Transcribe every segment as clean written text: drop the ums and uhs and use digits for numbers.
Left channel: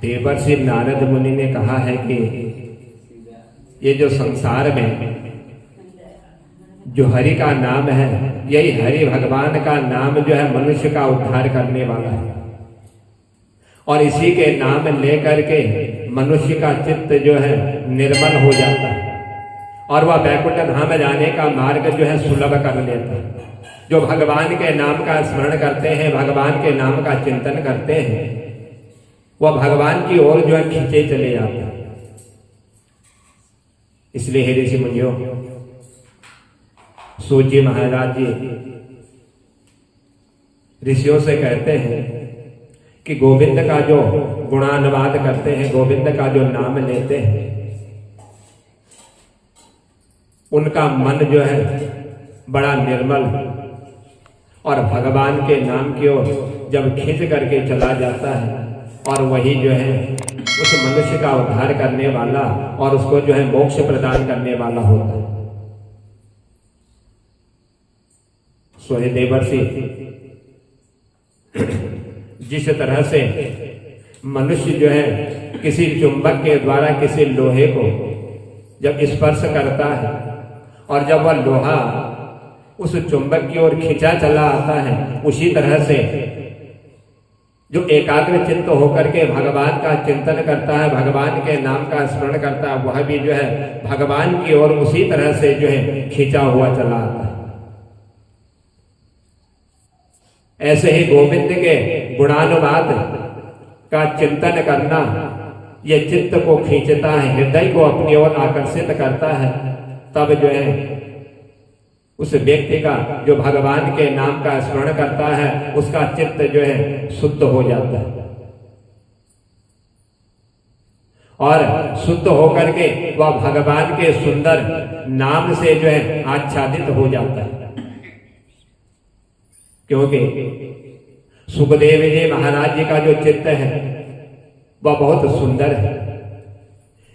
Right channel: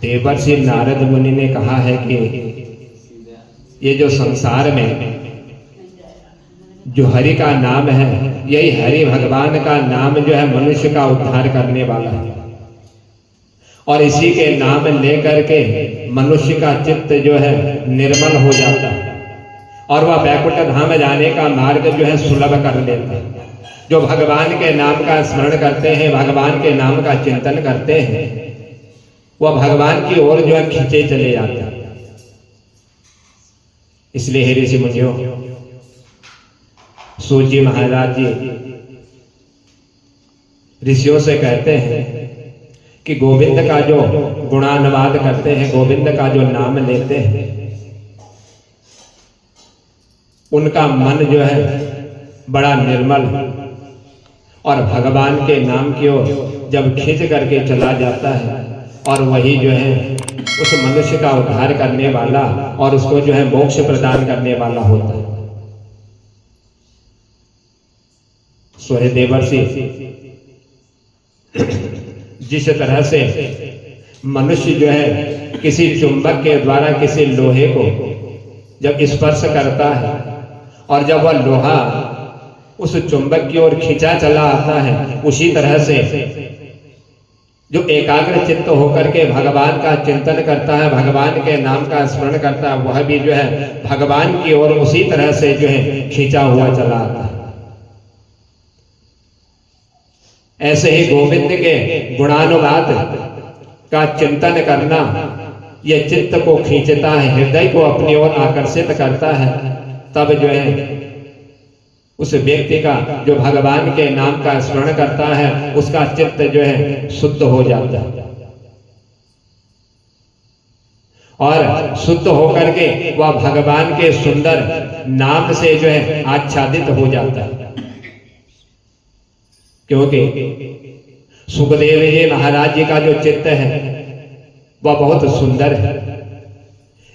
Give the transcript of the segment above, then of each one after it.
देवर्षि नारद मुनि ने कहा है कि ये जो संसार में जो हरि का नाम है, यही हरि भगवान का नाम जो है मनुष्य का उद्धार करने वाला है। और इसी के नाम लेकर के मनुष्य का चित्त जो है निर्मल हो जाता है और वह वैकुंठ धाम जाने का मार्ग जो है सुलभ कर देता है। जो भगवान के नाम का स्मरण करते हैं, भगवान के नाम का चिंतन करते हैं, वह भगवान की ओर जो है खींचे चले जाते हैं। इसलिए हे ऋषि मुनियों, सूत जी महाराज जी ऋषियों से कहते हैं कि गोविंद का जो गुणानुवाद करते हैं, गोविंद का जो नाम लेते हैं, उनका मन जो है बड़ा निर्मल और भगवान के नाम की ओर जब खींच करके चला जाता है और वही जो है उस मनुष्य का उद्धार करने वाला और उसको जो है मोक्ष प्रदान करने वाला होता है। सो हे देवर्षि, जिस तरह से मनुष्य जो है किसी चुंबक के द्वारा किसी लोहे को जब स्पर्श करता है और जब वह लोहा उस चुंबक की ओर खींचा चला आता है, उसी तरह से जो एकाग्र चित्त होकर के भगवान का चिंतन करता है, भगवान के नाम का स्मरण करता है, वह भी जो है भगवान की ओर उसी तरह से जो है खींचा हुआ चला आता है। ऐसे ही गोविंद के गुणानुवाद का चिंतन करना यह चित्त को खींचता है, हृदय को अपनी ओर आकर्षित करता है। तब जो है उस व्यक्ति का जो भगवान के नाम का स्मरण करता है, उसका चित्त जो है शुद्ध हो जाता है और शुद्ध होकर के वह भगवान के सुंदर नाम से जो है आच्छादित हो जाता है। क्योंकि सुखदेव जी महाराज जी का जो चित्त है वह बहुत सुंदर है,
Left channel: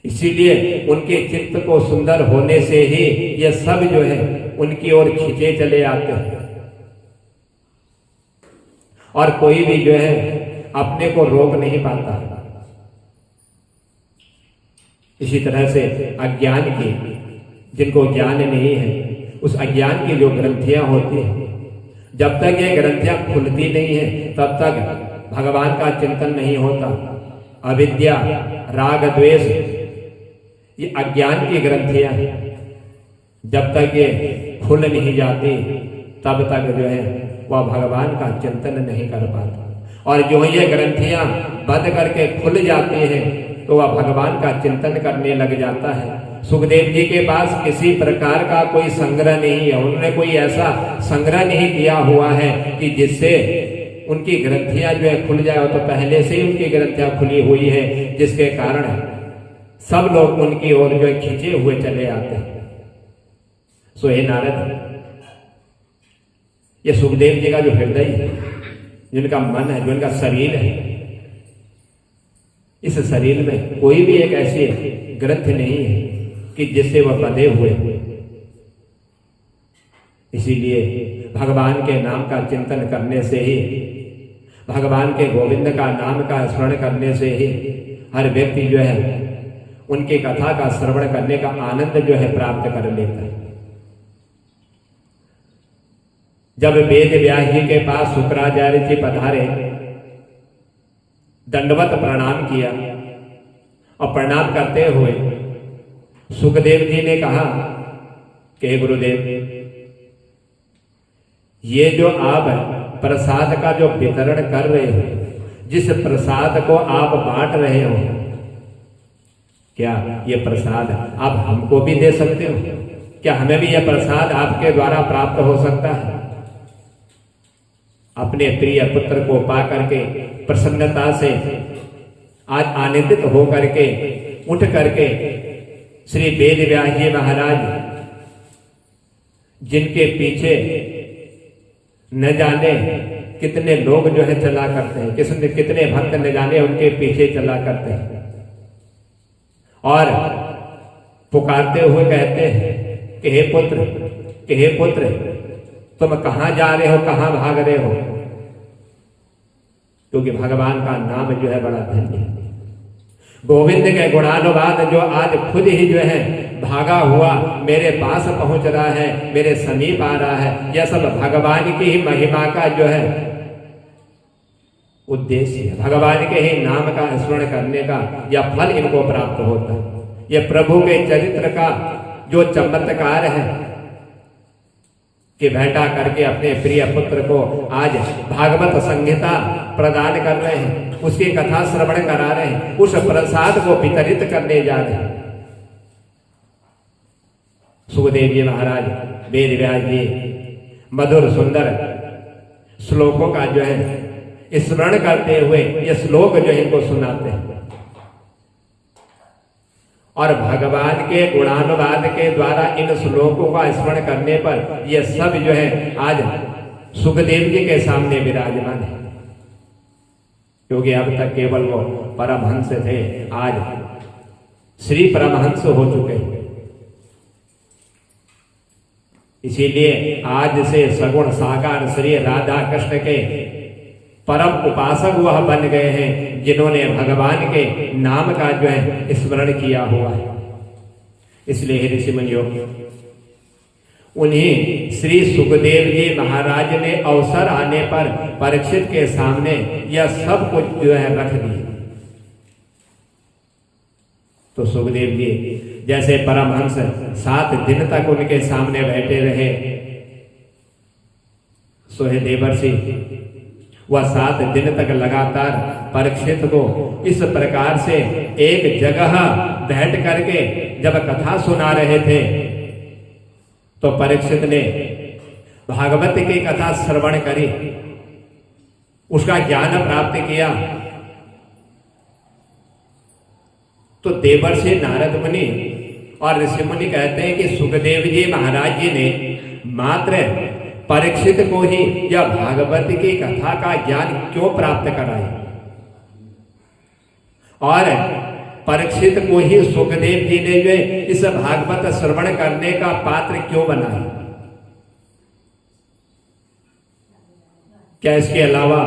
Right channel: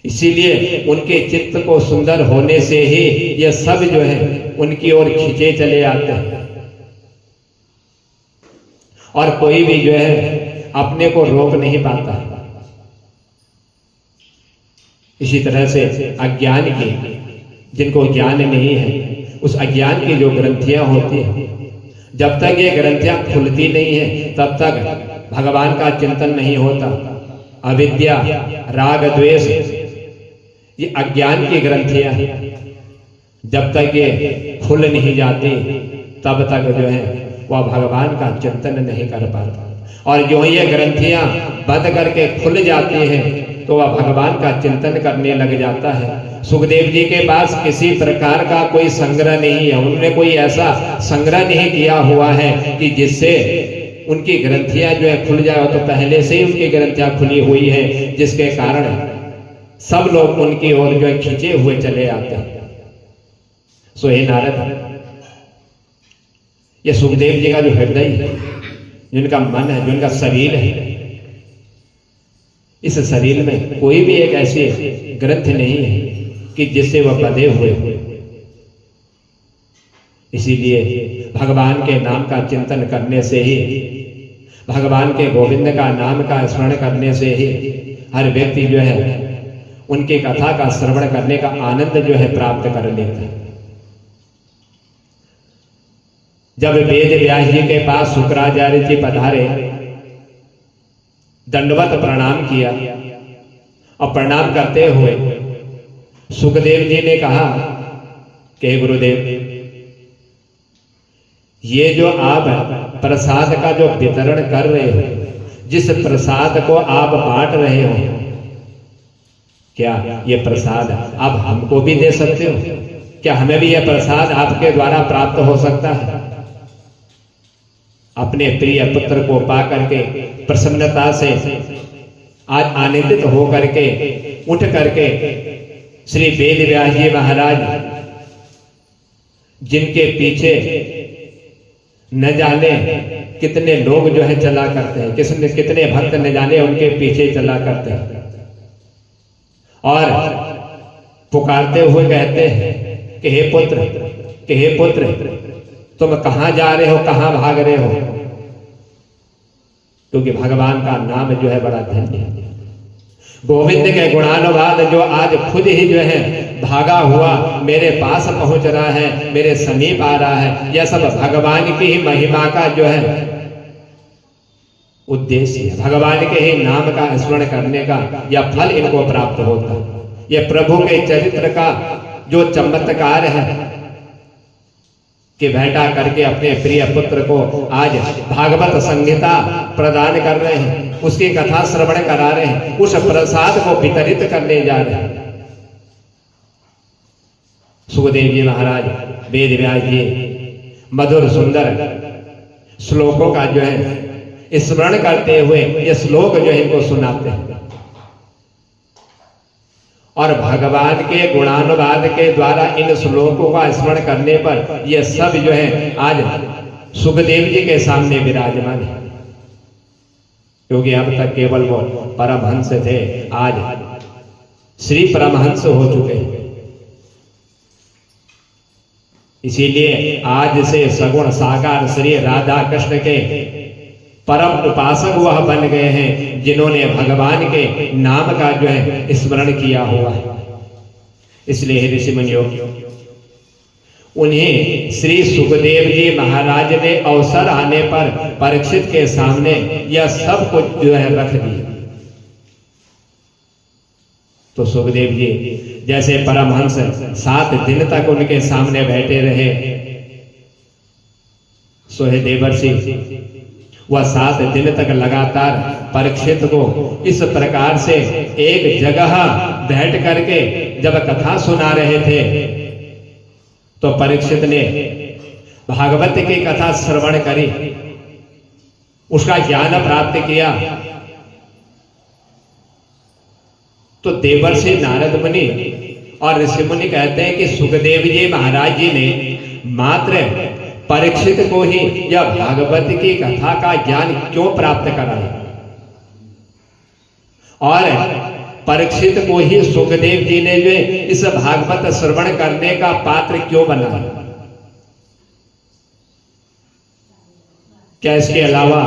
इसीलिए उनके चित्त को सुंदर होने से ही यह सब जो है उनकी ओर खींचे चले आते हैं और कोई भी जो है अपने को रोक नहीं पाता। इसी तरह से अज्ञान की, जिनको ज्ञान नहीं है, उस अज्ञान की जो ग्रंथियां होती हैं, जब तक ये ग्रंथियां खुलती नहीं है तब तक भगवान का चिंतन नहीं होता। अविद्या, राग, द्वेष, ये अज्ञान की ग्रंथियां जब तक ये खुल नहीं जाती तब तक जो है वह भगवान का चिंतन नहीं कर पाता। और जो ये ग्रंथियां बंद करके खुल जाती हैं तो वह भगवान का चिंतन करने लग जाता है। सुखदेव जी के पास किसी प्रकार का कोई संग्रह नहीं है, उन्होंने कोई ऐसा संग्रह नहीं किया हुआ है कि जिससे उनकी ग्रंथियां जो है खुल जाए। तो पहले से ही उनकी ग्रंथियां खुली हुई है, जिसके कारण सब लोग उनकी ओर जो है खींचे हुए चले आते हैं। सो हे नारद, ये सुखदेव जी का जो हृदय है, जिनका मन है, जो इनका शरीर है, इस शरीर में कोई भी एक ऐसी ग्रंथ नहीं है कि जिससे वह बंधे हुए। इसीलिए भगवान के नाम का चिंतन करने से ही, भगवान के गोविंद का नाम का स्मरण करने से ही हर व्यक्ति जो है उनकी कथा का श्रवण करने का आनंद जो है प्राप्त कर लेता है। जब वेद व्यास जी के पास शुक्राचार्य जी पधारे, दंडवत प्रणाम किया और प्रणाम करते हुए सुखदेव जी ने कहा कि गुरुदेव, ये जो आप प्रसाद का जो वितरण कर रहे हो, जिस प्रसाद को आप बांट रहे हो, क्या ये प्रसाद आप हमको भी दे सकते हो? क्या हमें भी यह प्रसाद आपके द्वारा प्राप्त हो सकता है? अपने प्रिय पुत्र को पा करके प्रसन्नता से आज आनंदित हो करके उठ करके श्री वेद व्यास जी महाराज, जिनके पीछे न जाने कितने लोग जो है चला करते हैं, कितने भक्त न जाने उनके पीछे चला करते हैं, और पुकारते हुए कहते हैं कि हे पुत्र, कि हे पुत्र, तुम कहां जा रहे हो, कहां भाग रहे हो? क्योंकि भगवान का नाम जो है बड़ा धन्य है। गोविंद के गुणानुवाद जो आज खुद ही जो है भागा हुआ मेरे पास पहुंच रहा है, मेरे समीप आ रहा है, यह सब भगवान की ही महिमा का जो है उद्देश्य है। भगवान के ही नाम का स्मरण करने का यह फल इनको प्राप्त होता है। यह प्रभु के चरित्र का जो चमत्कार है कि भेंटा करके अपने प्रिय पुत्र को आज भागवत संहिता प्रदान कर रहे हैं, उसकी कथा श्रवण करा रहे हैं, उस प्रसाद को वितरित करने जा रहे हैं। सुखदेव जी महाराज वेद व्यास जी मधुर सुंदर श्लोकों का जो है स्मरण करते हुए ये श्लोक जो है इनको सुनाते हैं और भगवान के गुणानुवाद के द्वारा इन श्लोकों का स्मरण करने पर ये सब जो है आज सुखदेव जी के सामने विराजमान है, क्योंकि अब तक केवल वो परमहंस थे, आज श्री परमहंस हो चुके हैं। इसीलिए आज से सगुण साकार श्री राधा कृष्ण के परम उपासक वह बन गए हैं जिन्होंने भगवान के नाम का जो है स्मरण किया हुआ है। इसलिए हे ऋषि मुनियों, उन्हें श्री सुखदेव जी महाराज ने अवसर आने पर परीक्षित के सामने यह सब कुछ जो है रख दिया। तो सुखदेव जी जैसे परमहंस 7 दिन तक उनके सामने बैठे रहे, सोहे देवर्षि वह 7 दिन तक लगातार परीक्षित को इस प्रकार से एक जगह बैठ करके जब कथा सुना रहे थे, तो परीक्षित ने भागवत की कथा श्रवण करी, उसका ज्ञान प्राप्त किया। तो देवर्षि नारद मुनि और ऋषि मुनि कहते हैं कि सुखदेव जी महाराज जी ने मात्र परीक्षित को ही यह भागवत की कथा का ज्ञान क्यों प्राप्त कराया और परीक्षित को ही सुखदेव जी ने जो इस भागवत श्रवण करने का पात्र क्यों बनाया? क्या इसके अलावा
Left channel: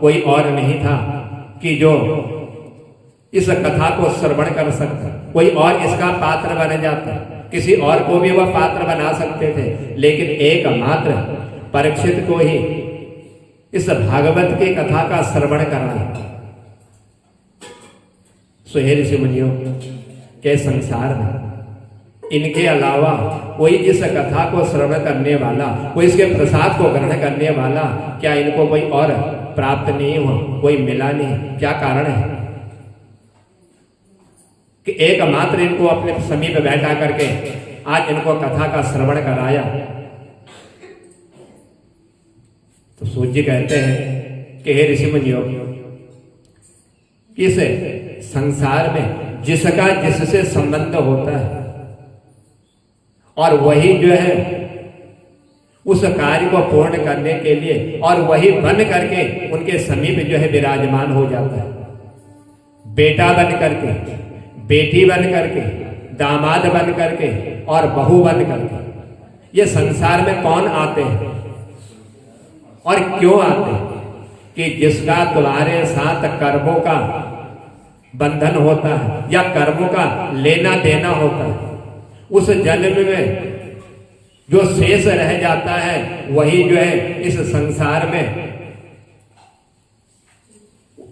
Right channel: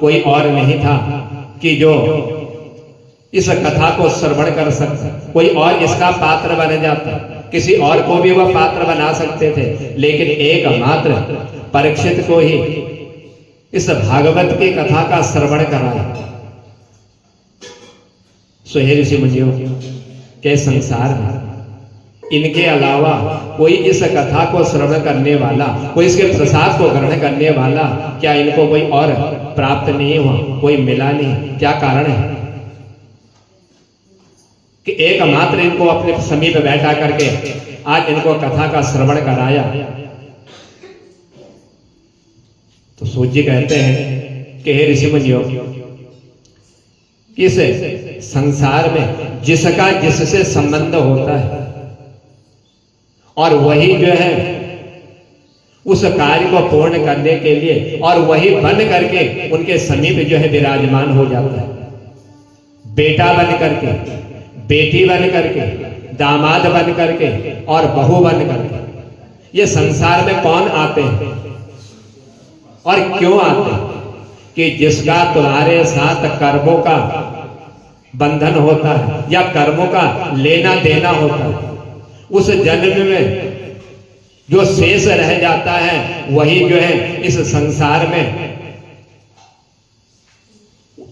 कोई और नहीं था कि जो इस कथा को श्रवण कर सकता? कोई और इसका पात्र बन जाता, किसी और को भी वह पात्र बना सकते थे, लेकिन एकमात्र परीक्षित को ही इस भागवत की कथा का श्रवण कराया। सो हे ऋषि मुनियों, के संसार में इनके अलावा कोई इस कथा को श्रवण करने वाला, कोई इसके प्रसाद को ग्रहण करने वाला, क्या इनको कोई और प्राप्त नहीं हुआ, कोई मिला नहीं? क्या कारण है कि एकमात्र इनको अपने समीप बैठा करके आज इनको कथा का श्रवण कराया? तो सूत जी कहते हैं कि हे ऋषि मुनियों, इस संसार में जिसका जिससे संबंध होता है और वही जो है उस कार्य को पूर्ण करने के लिए और वही बन करके उनके समीप जो है विराजमान हो जाता है। बेटा बन करके, बेटी बन करके, दामाद बन करके और बहू बन करके ये संसार में कौन आते हैं और क्यों आते हैं? कि जिसका तुम्हारे साथ कर्मों का बंधन होता है या कर्मों का लेना देना होता है, उस जन्म में जो शेष रह जाता है वही जो है इस संसार में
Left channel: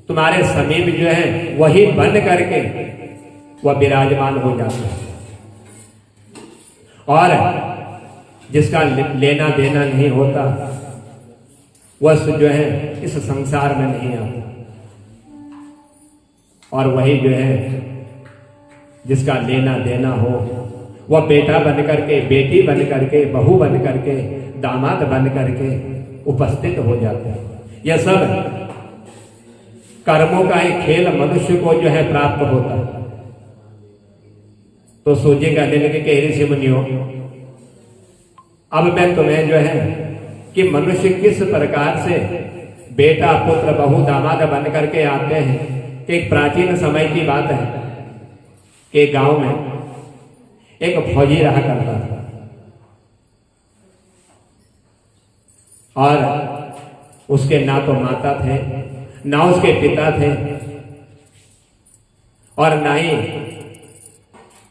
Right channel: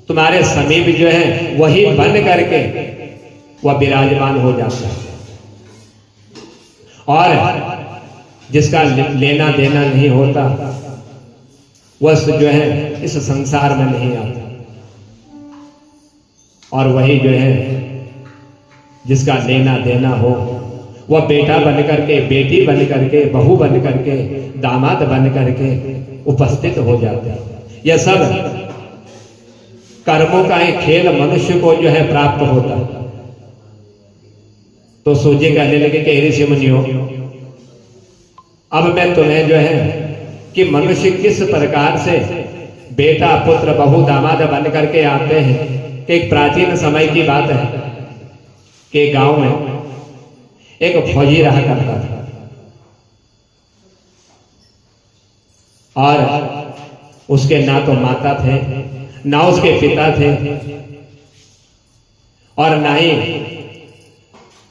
तुम्हारे समीप जो है वही बन करके वह विराजमान हो जाता है। और जिसका लेना देना नहीं होता वह जो है इस संसार में नहीं आता, और वही जो है जिसका लेना देना हो वह बेटा बन करके, बेटी बन करके, बहू बन करके, दामाद बन करके उपस्थित हो जाते हैं। यह सब कर्मों का एक खेल मनुष्य को जो है प्राप्त होता है। तो सूजी कहने लगे कि ऋषि मुनियों, अब मैं तुम्हें जो है कि मनुष्य किस प्रकार से बेटा, पुत्र, बहू, दामाद बन करके आते हैं। कि एक प्राचीन समय की बात है कि गांव में एक फौजी रहा करता था और उसके ना तो माता थे ना उसके पिता थे, और ना ही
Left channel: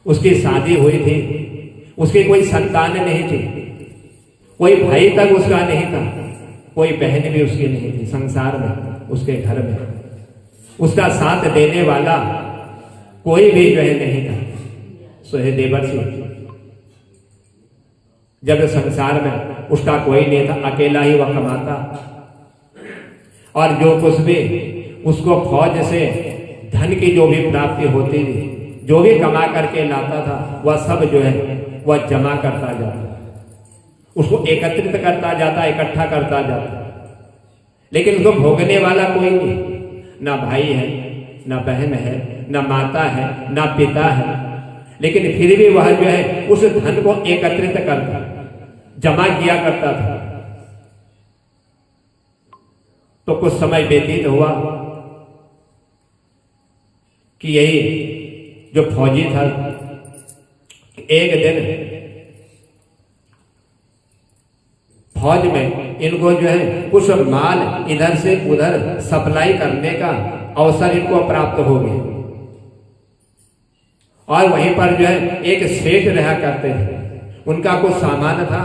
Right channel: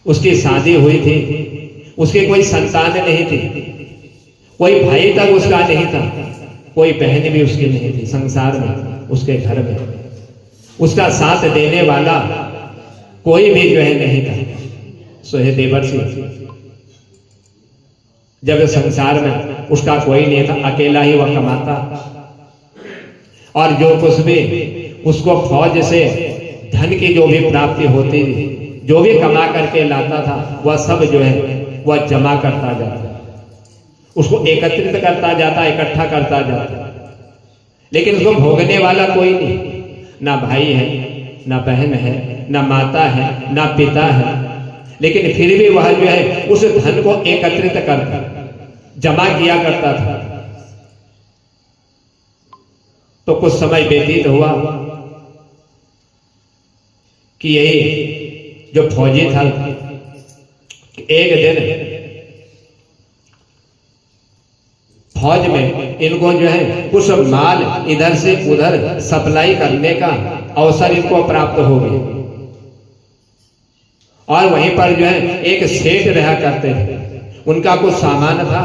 उसकी शादी हुई थी, उसकी कोई संतान नहीं थी, कोई भाई तक उसका नहीं था, कोई बहन भी उसकी नहीं थी संसार में, उसके घर में उसका साथ देने वाला कोई भी जो है नहीं था। सो हे देवर्षि, जब संसार में उसका कोई नहीं था, अकेला ही वह कमाता, और जो कुछ भी उसको फौज से धन की जो भी प्राप्ति होती थी, जो भी कमा करके लाता था, वह सब जो है वह जमा करता जाता, उसको एकत्रित करता जाता, इकट्ठा करता जाता, लेकिन उसको भोगने वाला कोई नहीं, ना भाई है, ना बहन है, ना माता है, ना पिता है, लेकिन फिर भी वह जो है उस धन को एकत्रित करता, जमा किया करता था। तो कुछ समय व्यतीत हुआ कि यही जो फौजी था, एक दिन फौज में इनको जो है कुछ माल इधर से उधर सप्लाई करने का अवसर इनको प्राप्त हो गया, और वहीं पर जो है एक सेठ रहा करते थे, उनका कुछ सामान था,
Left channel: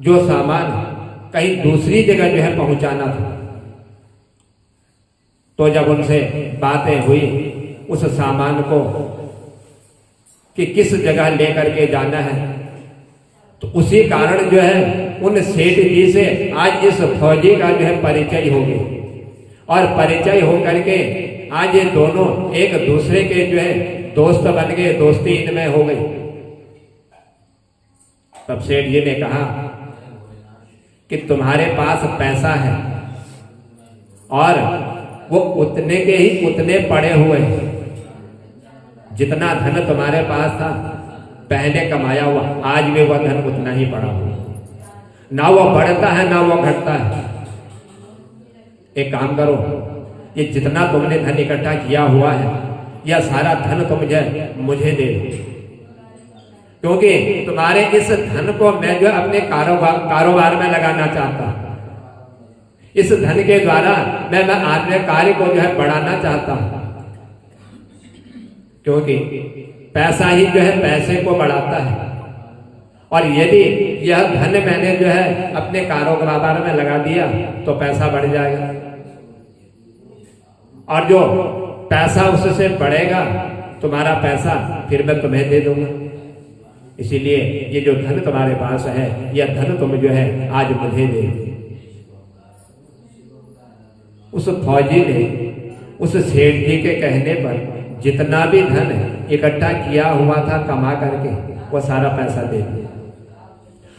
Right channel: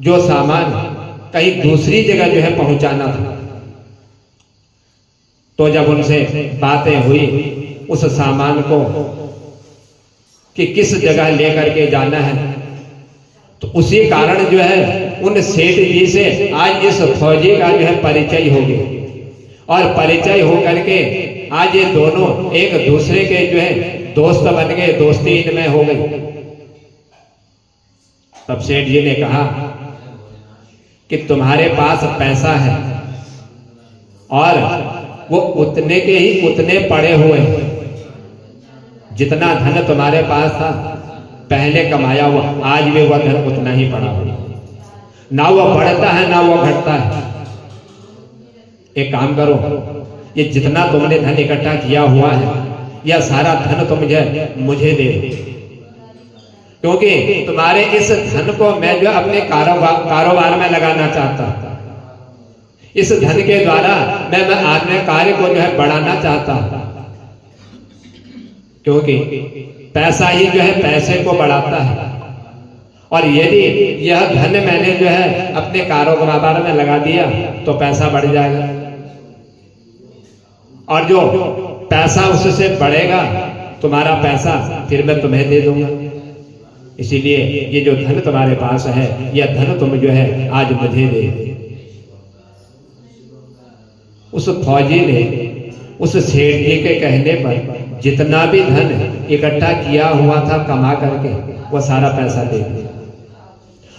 जो सामान कहीं दूसरी जगह जो है पहुंचाना था। तो जब उनसे बातें हुई उस सामान को कि किस जगह लेकर के जाना है, तो उसी कारण जो है उन सेठ जी से आज इस फौजी का जो है परिचय हो गया, और परिचय हो करके आज ये दोनों एक दूसरे के जो है दोस्त बन गए, दोस्ती इनमें हो गई। तब सेठ जी ने कहा कि तुम्हारे पास पैसा है और वो उतने के ही उतने पड़े हुए हैं, जितना धन तुम्हारे पास था पहले कमाया हुआ, आज भी वह धन उतना ही पड़ा हुआ, ना वो बढ़ता है ना वो घटता है। एक काम करो, ये जितना तुमने धन इकट्ठा किया हुआ है, यह सारा धन तुम मुझे दे दो, क्योंकि तुम्हारे इस धन को मैं जो अपने कारोबार में लगाना चाहता हूं। इस धन के द्वारा मैं अपने कार्य को जो है बढ़ाना चाहता हूं, क्योंकि पैसा ही जो है पैसे को बढ़ाता है, और यदि यह धन मैंने जो है अपने कारोबार में लगा दिया तो पैसा बढ़ जाएगा, और जो पैसा उससे बढ़ेगा तुम्हारा पैसा फिर मैं तुम्हें दे दूंगा। इसीलिए ये जो धन तुम्हारे पास है, यह धन तुम जो है आज मुझे दे। उस फौजी ने उस सेठ जी के कहने पर जितना भी धन इकट्ठा किया हुआ था कमा करके, वह सारा पैसा दे दिया,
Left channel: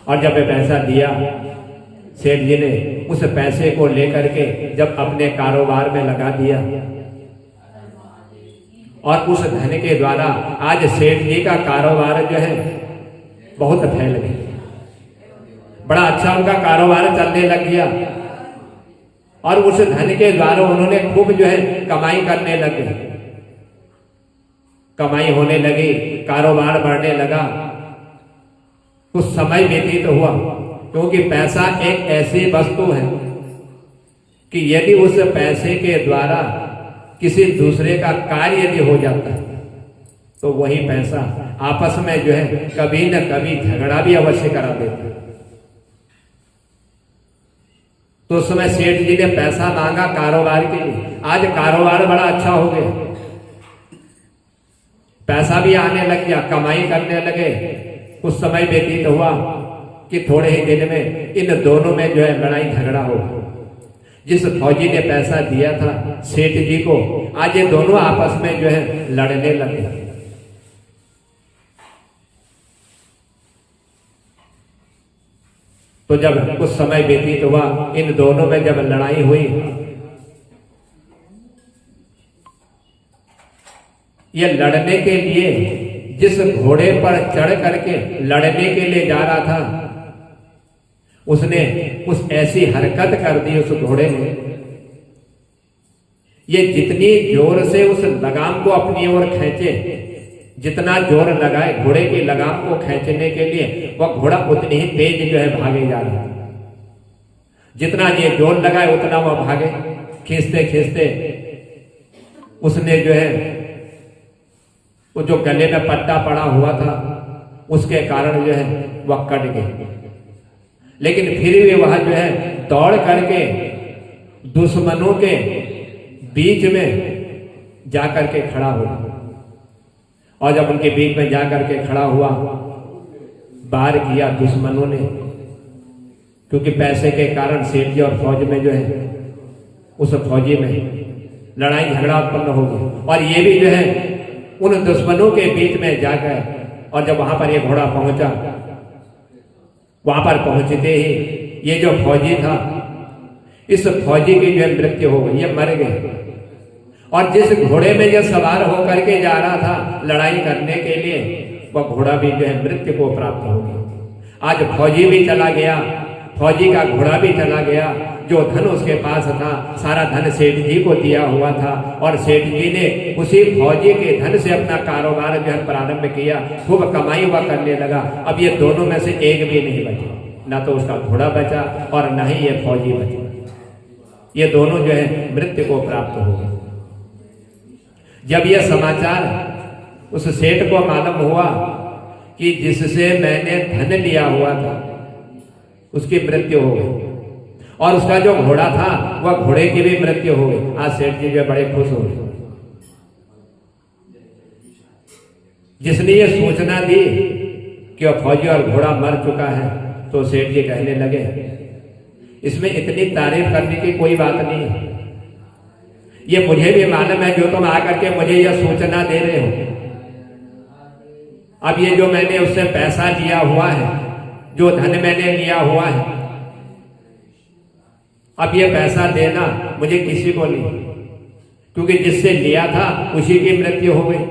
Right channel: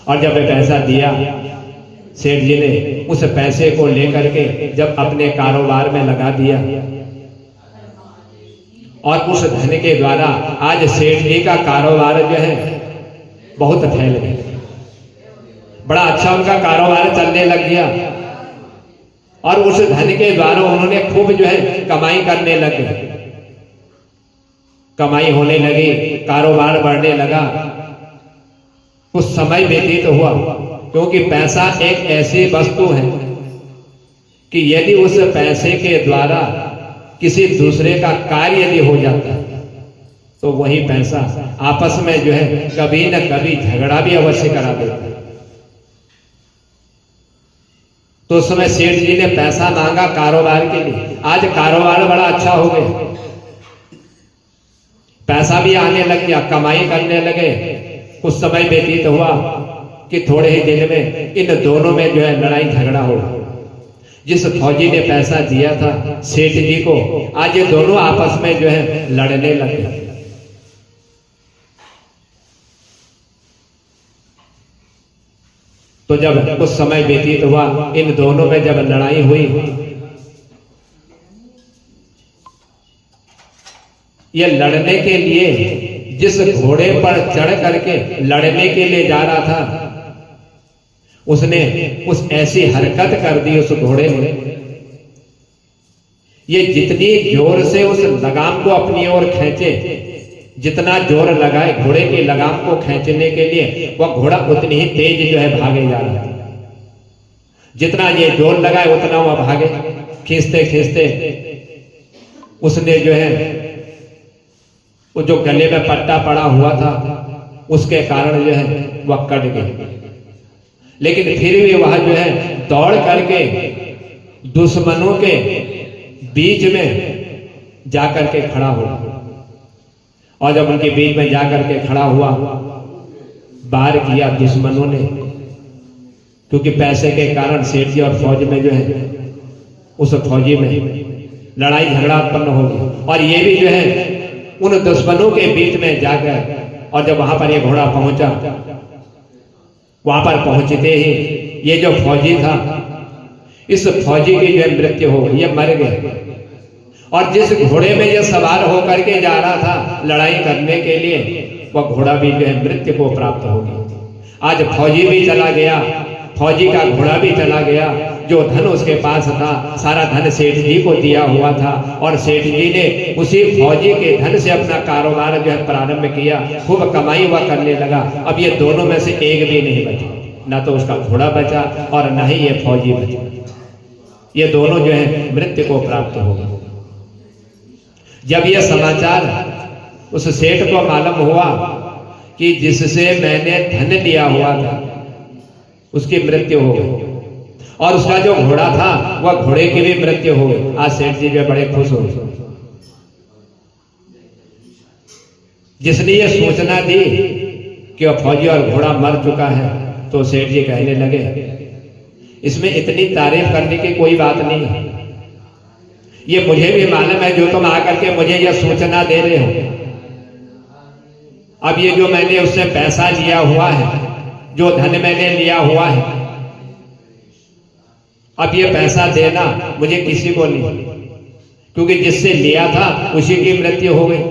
और जब वह पैसा दिया, सेठ जी ने उस पैसे को लेकर के जब अपने कारोबार में लगा दिया, और उस धन के द्वारा आज सेठ जी का कारोबार जो है बहुत फैल गया, बड़ा अच्छा उनका कारोबार चलने लग गया, और उस धन के द्वारा उन्होंने खूब जो है कमाई करने लगे, कमाई होने लगी, कारोबार बढ़ने लगा। कुछ समय व्यतीत हुआ, क्योंकि पैसा एक ऐसी वस्तु है कि यदि उस पैसे के द्वारा किसी दूसरे का कार्य यदि हो जाता है, तो वही पैसा आपस में जो है कभी न कभी झगड़ा भी अवश्य करा देता है। तो उस समय सेठ जी ने पैसा मांगा कारोबार के लिए, आज कारोबार बड़ा अच्छा हो गया, पैसा भी आने लग गया, कमाई करने लगे। कुछ समय व्यतीत हुआ कि थोड़े ही दिन में इन दोनों में जो है लड़ाई झगड़ा हो। जिस फौजी ने पैसा दिया था सेठ जी को, आज ये दोनों आपस में जो है लड़ने लगे। तो जब कुछ समय व्यतीत हुआ, इन दोनों में जब लड़ाई हुई, ये लड़ने के लिए जिस घोड़े पर चढ़ करके लड़ने के लिए जा रहा था, उसने कुछ ऐसी हरकत कर दी उस घोड़े ने, ये जितनी जोर से उस लगाम को अपनी ओर खींचे, जितना जोर लगाए घोड़े की लगाम को खींचने के लिए, वह घोड़ा उतनी ही तेज जो है भागे जा रहा है। जितना ये जोर लगाए उतना वह भागे, खींचते खींचते उसने जो है वो जो गले में पट्टा पड़ा हुआ था उसके कारण जो है वह कट गए, लेकिन फिर भी वह जो है दौड़ करके दुश्मनों के बीच में जाकर के खड़ा हुआ। और जब उनके बीच में जाकर के खड़ा हुआ, वार किया दुश्मनों ने, क्योंकि पैसे के कारण सेठ जी और फौज में जो है उस फौजी में लड़ाई झगड़ा उत्पन्न हो गया। और ये भी जो है उन दुश्मनों के बीच में जाकर, और जब वहां पर ये घोड़ा पहुंचा, वहां पर पहुंचते ही ये जो फौजी था, इस फौजी की जो है मृत्यु हो गई, ये मर गए। और जिस घोड़े में ये सवार होकर के जा रहा था लड़ाई करने के लिए, वह घोड़ा भी जो है मृत्यु को प्राप्त हो गया। आज फौजी भी चला गया, फौजी का घोड़ा भी चला गया, जो धन उसके पास था सारा धन सेठ जी को दिया हुआ था, और सेठ जी ने उसी फौजी के धन से अपना कारोबार जो है प्रारंभ किया, खूब कमाई हुआ करने लगा। अब ये दोनों में से एक भी नहीं बचा, ना तो उसका घोड़ा बचा और ना ही ये फौजी बचा। ये दोनों जो है मृत्यु को प्राप्त हो गए। जब यह समाचार उस सेठ को मालूम हुआ कि जिससे मैंने धन लिया हुआ था उसकी मृत्यु हो गई, और उसका जो घोड़ा था वह घोड़े की भी मृत्यु हो गई, आज सेठ जी जो बड़े खुश हो गए। जिसने ये सूचना दी कि वह फौजी और घोड़ा मर चुका है, तो सेठ जी कहने लगे इसमें इतनी तारीफ करने की कोई बात नहीं है। ये मुझे भी मालूम है जो तुम आकर के मुझे यह सूचना दे रहे हो। अब ये जो मैंने उससे पैसा लिया हुआ है, जो धन मैंने लिया हुआ है, अब ये पैसा देना मुझे किसी को नहीं, क्योंकि जिससे लिया था उसी की मृत्यु हो गई।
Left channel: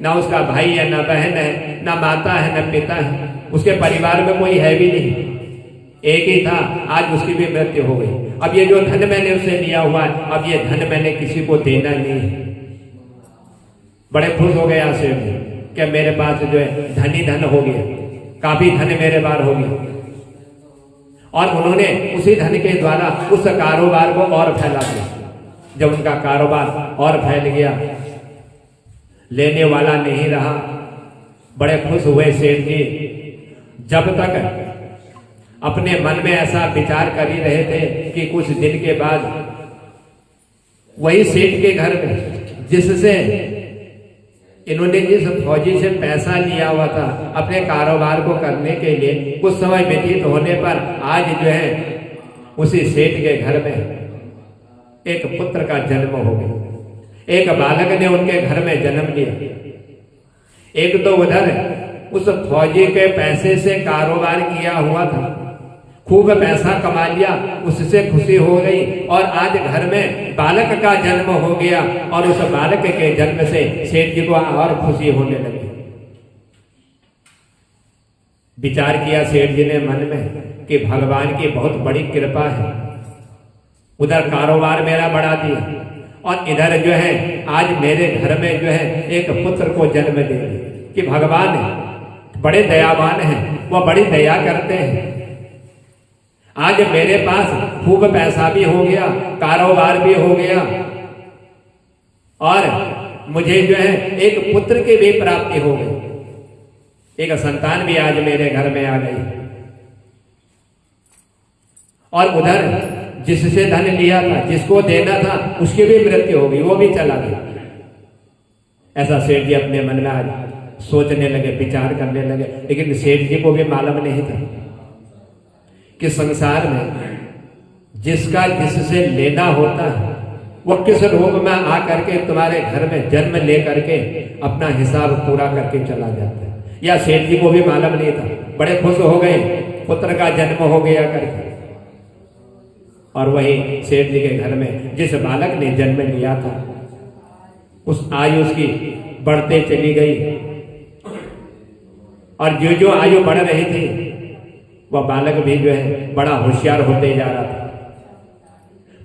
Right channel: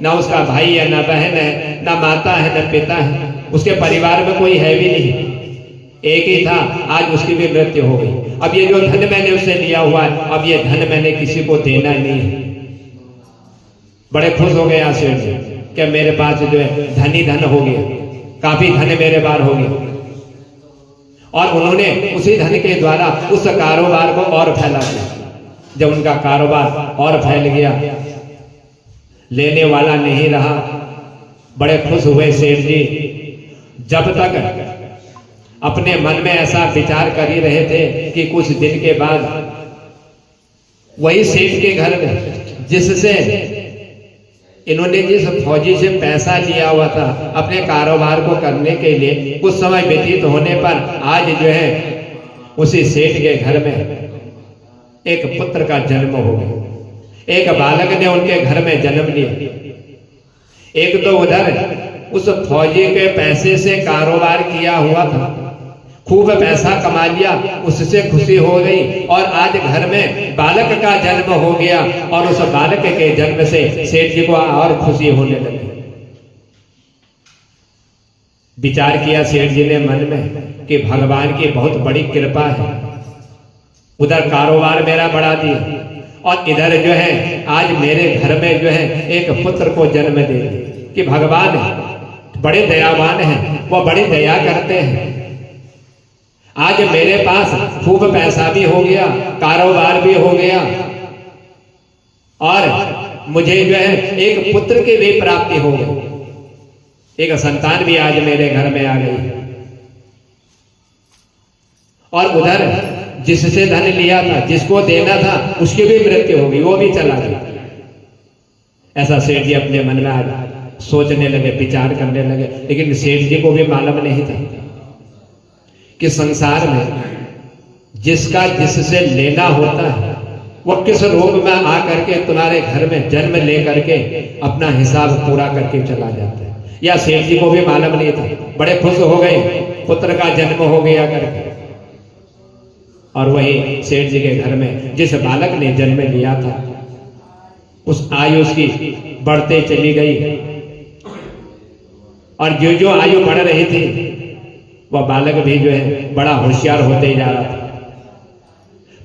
ना उसका भाई है, ना बहन है, ना माता है, ना पिता है, उसके परिवार में कोई है भी नहीं, एक ही था, आज उसकी भी मृत्यु हो गई। अब ये जो धन मैंने उससे लिया हुआ है, अब ये धन मैंने किसी को देना नहीं है। बड़े खुश हो गए सेठ जी कि मेरे पास जो है धन ही धन हो गया, काफी धन मेरे पास हो गया। और उन्होंने उसी धन के द्वारा उस कारोबार को और फैला दिया। जब उनका कारोबार और फैल गया, लेने वाला नहीं रहा, बड़े खुश हुए सेठ जी। जब तक अपने मन में ऐसा विचार कर ही रहे थे कि कुछ दिन के बाद वही सेठ के घर में जिससे इन्होंने जिस फौजी से पैसा लिया हुआ था अपने कारोबार को करने के लिए, कुछ समय व्यतीत होने पर आज जो है उसी सेठ के घर में एक पुत्र का जन्म हो गया। एक बालक ने उनके घर में जन्म लिया। एक तो उधर उस फौजी के पैसे से कारोबार किया हुआ था, खूब पैसा कमा लिया, उससे खुशी हो गई, और आज घर में बालक का जन्म हो गया, और उस बालक के जन्म से सेठ जी को और खुशी होने लगी। विचार किया सेठ जी ने मन में कि भगवान की बहुत बड़ी कृपा है, उधर कारोबार मेरा बढ़ा दिया, और इधर जो है आज मेरे घर में जो है एक पुत्र को जन्म दे दिया। कि भगवान बड़े दयावान हैं, वो बड़ी दया करते हैं। आज मेरे पास खूब पैसा भी हो गया, कारोबार भी हो गया, और मुझे जो है एक पुत्र की भी प्राप्ति हो गई, एक संतान भी आज मेरे घर में आ गई। और उधर जिससे धन लिया था, जिसको देना था, उसकी भी मृत्यु हो गई, वो भी चला गया। ऐसा सेठ जी अपने मन में आज सोचने लगे, विचार करने लगे। लेकिन सेठ जी को भी मालूम नहीं था कि संसार में जिसका जिससे लेना होता है वो किस रूप में आ करके तुम्हारे घर में जन्म ले करके अपना हिसाब पूरा करके चला जाता है। या सेठ जी को भी मालूम नहीं था, बड़े खुश हो गए, पुत्र का जन्म हो गया करके। और वही सेठ जी के घर में जिस बालक ने जन्म लिया था, उस आयु उसकी बढ़ते चली गई, और जो जो आयु बढ़ रही थी वह बालक भी जो है बड़ा होशियार होते जा रहा था।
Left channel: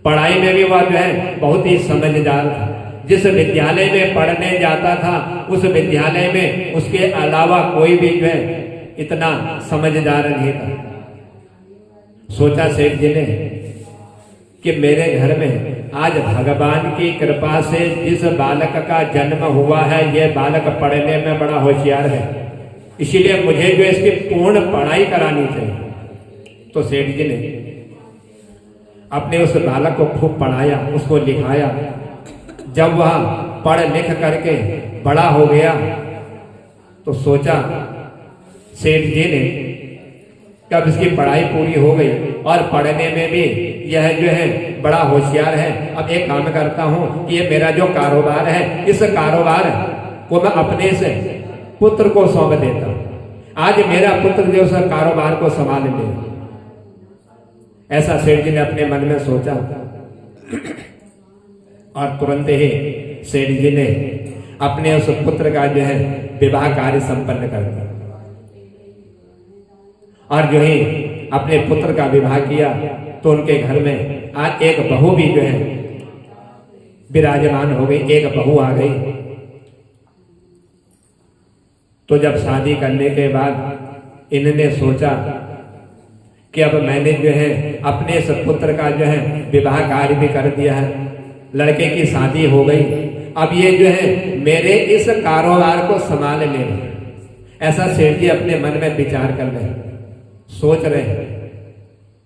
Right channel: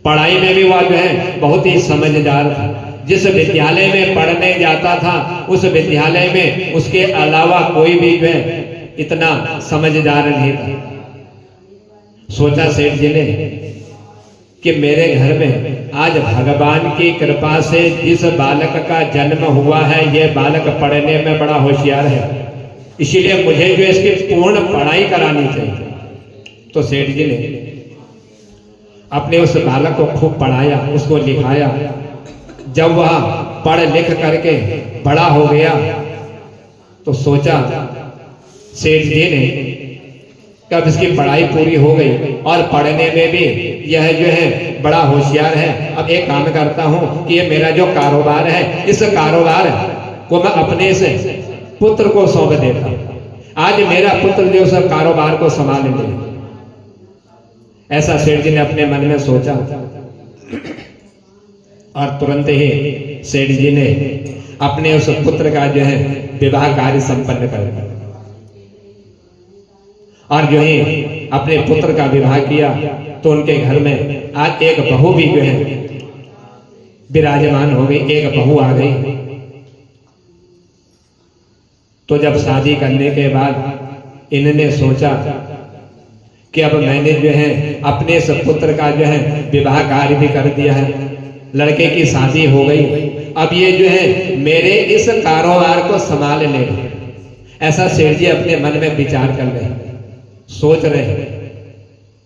पढ़ाई में भी वह जो है बहुत ही समझदार था। जिस विद्यालय में पढ़ने जाता था उस विद्यालय में उसके अलावा कोई भी जो है इतना समझदार नहीं था। सोचा सेठ जी ने कि मेरे घर में आज भगवान की कृपा से जिस बालक का जन्म हुआ है, यह बालक पढ़ने में बड़ा होशियार है, इसीलिए मुझे जो इसकी पूर्ण पढ़ाई करानी चाहिए। तो सेठ जी ने अपने उस बालक को खूब पढ़ाया, उसको लिखाया। जब वह पढ़ लिख करके बड़ा हो गया तो सोचा सेठ जी ने, कब इसकी पढ़ाई पूरी हो गई और पढ़ने में भी यह जो है बड़ा होशियार है, अब एक काम करता हूं कि ये मेरा जो कारोबार है, इस कारोबार को मैं अपने से पुत्र को सौंप देता हूं। आज मेरा पुत्र जो उस कारोबार को संभाल ले। ऐसा सेठ जी ने अपने मन में सोचा और तुरंत ही सेठ जी ने अपने उस पुत्र का जो है विवाह कार्य संपन्न कर दिया। और जो ही अपने पुत्र का विवाह किया तो उनके घर में आज एक बहू भी जो है विराजमान हो गई, एक बहू आ गई। तो जब शादी करने के बाद इन्होंने सोचा कि अब मैंने जो है अपने इस पुत्र का जो है विवाह कार्य भी कर दिया है, लड़के की शादी हो गई, अब ये जो है मेरे इस कारोबार को संभाल ले। ऐसा सेठ जी अपने मन में विचार कर रहे, सोच रहे।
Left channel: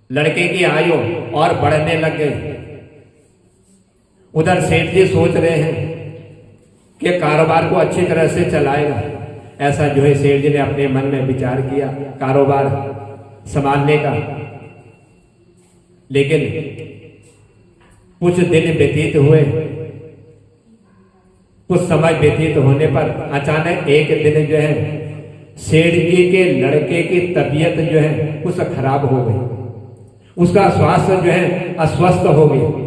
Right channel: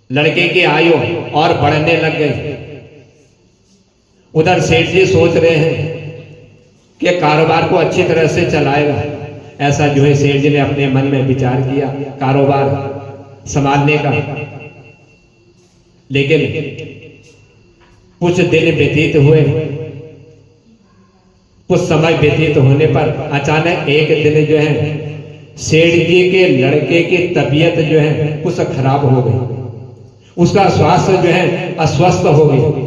लड़के की आयु और बढ़ने लग गई। उधर सेठ जी सोच रहे हैं कि कारोबार को अच्छी तरह से चलाएगा। ऐसा जो है सेठ जी ने अपने मन में विचार किया कारोबार संभालने का। लेकिन कुछ दिन व्यतीत हुए, कुछ समय व्यतीत होने पर अचानक एक दिन जो है सेठ जी के लड़के की तबीयत जो है कुछ खराब हो गई, उसका स्वास्थ्य जो है अस्वस्थ हो गई।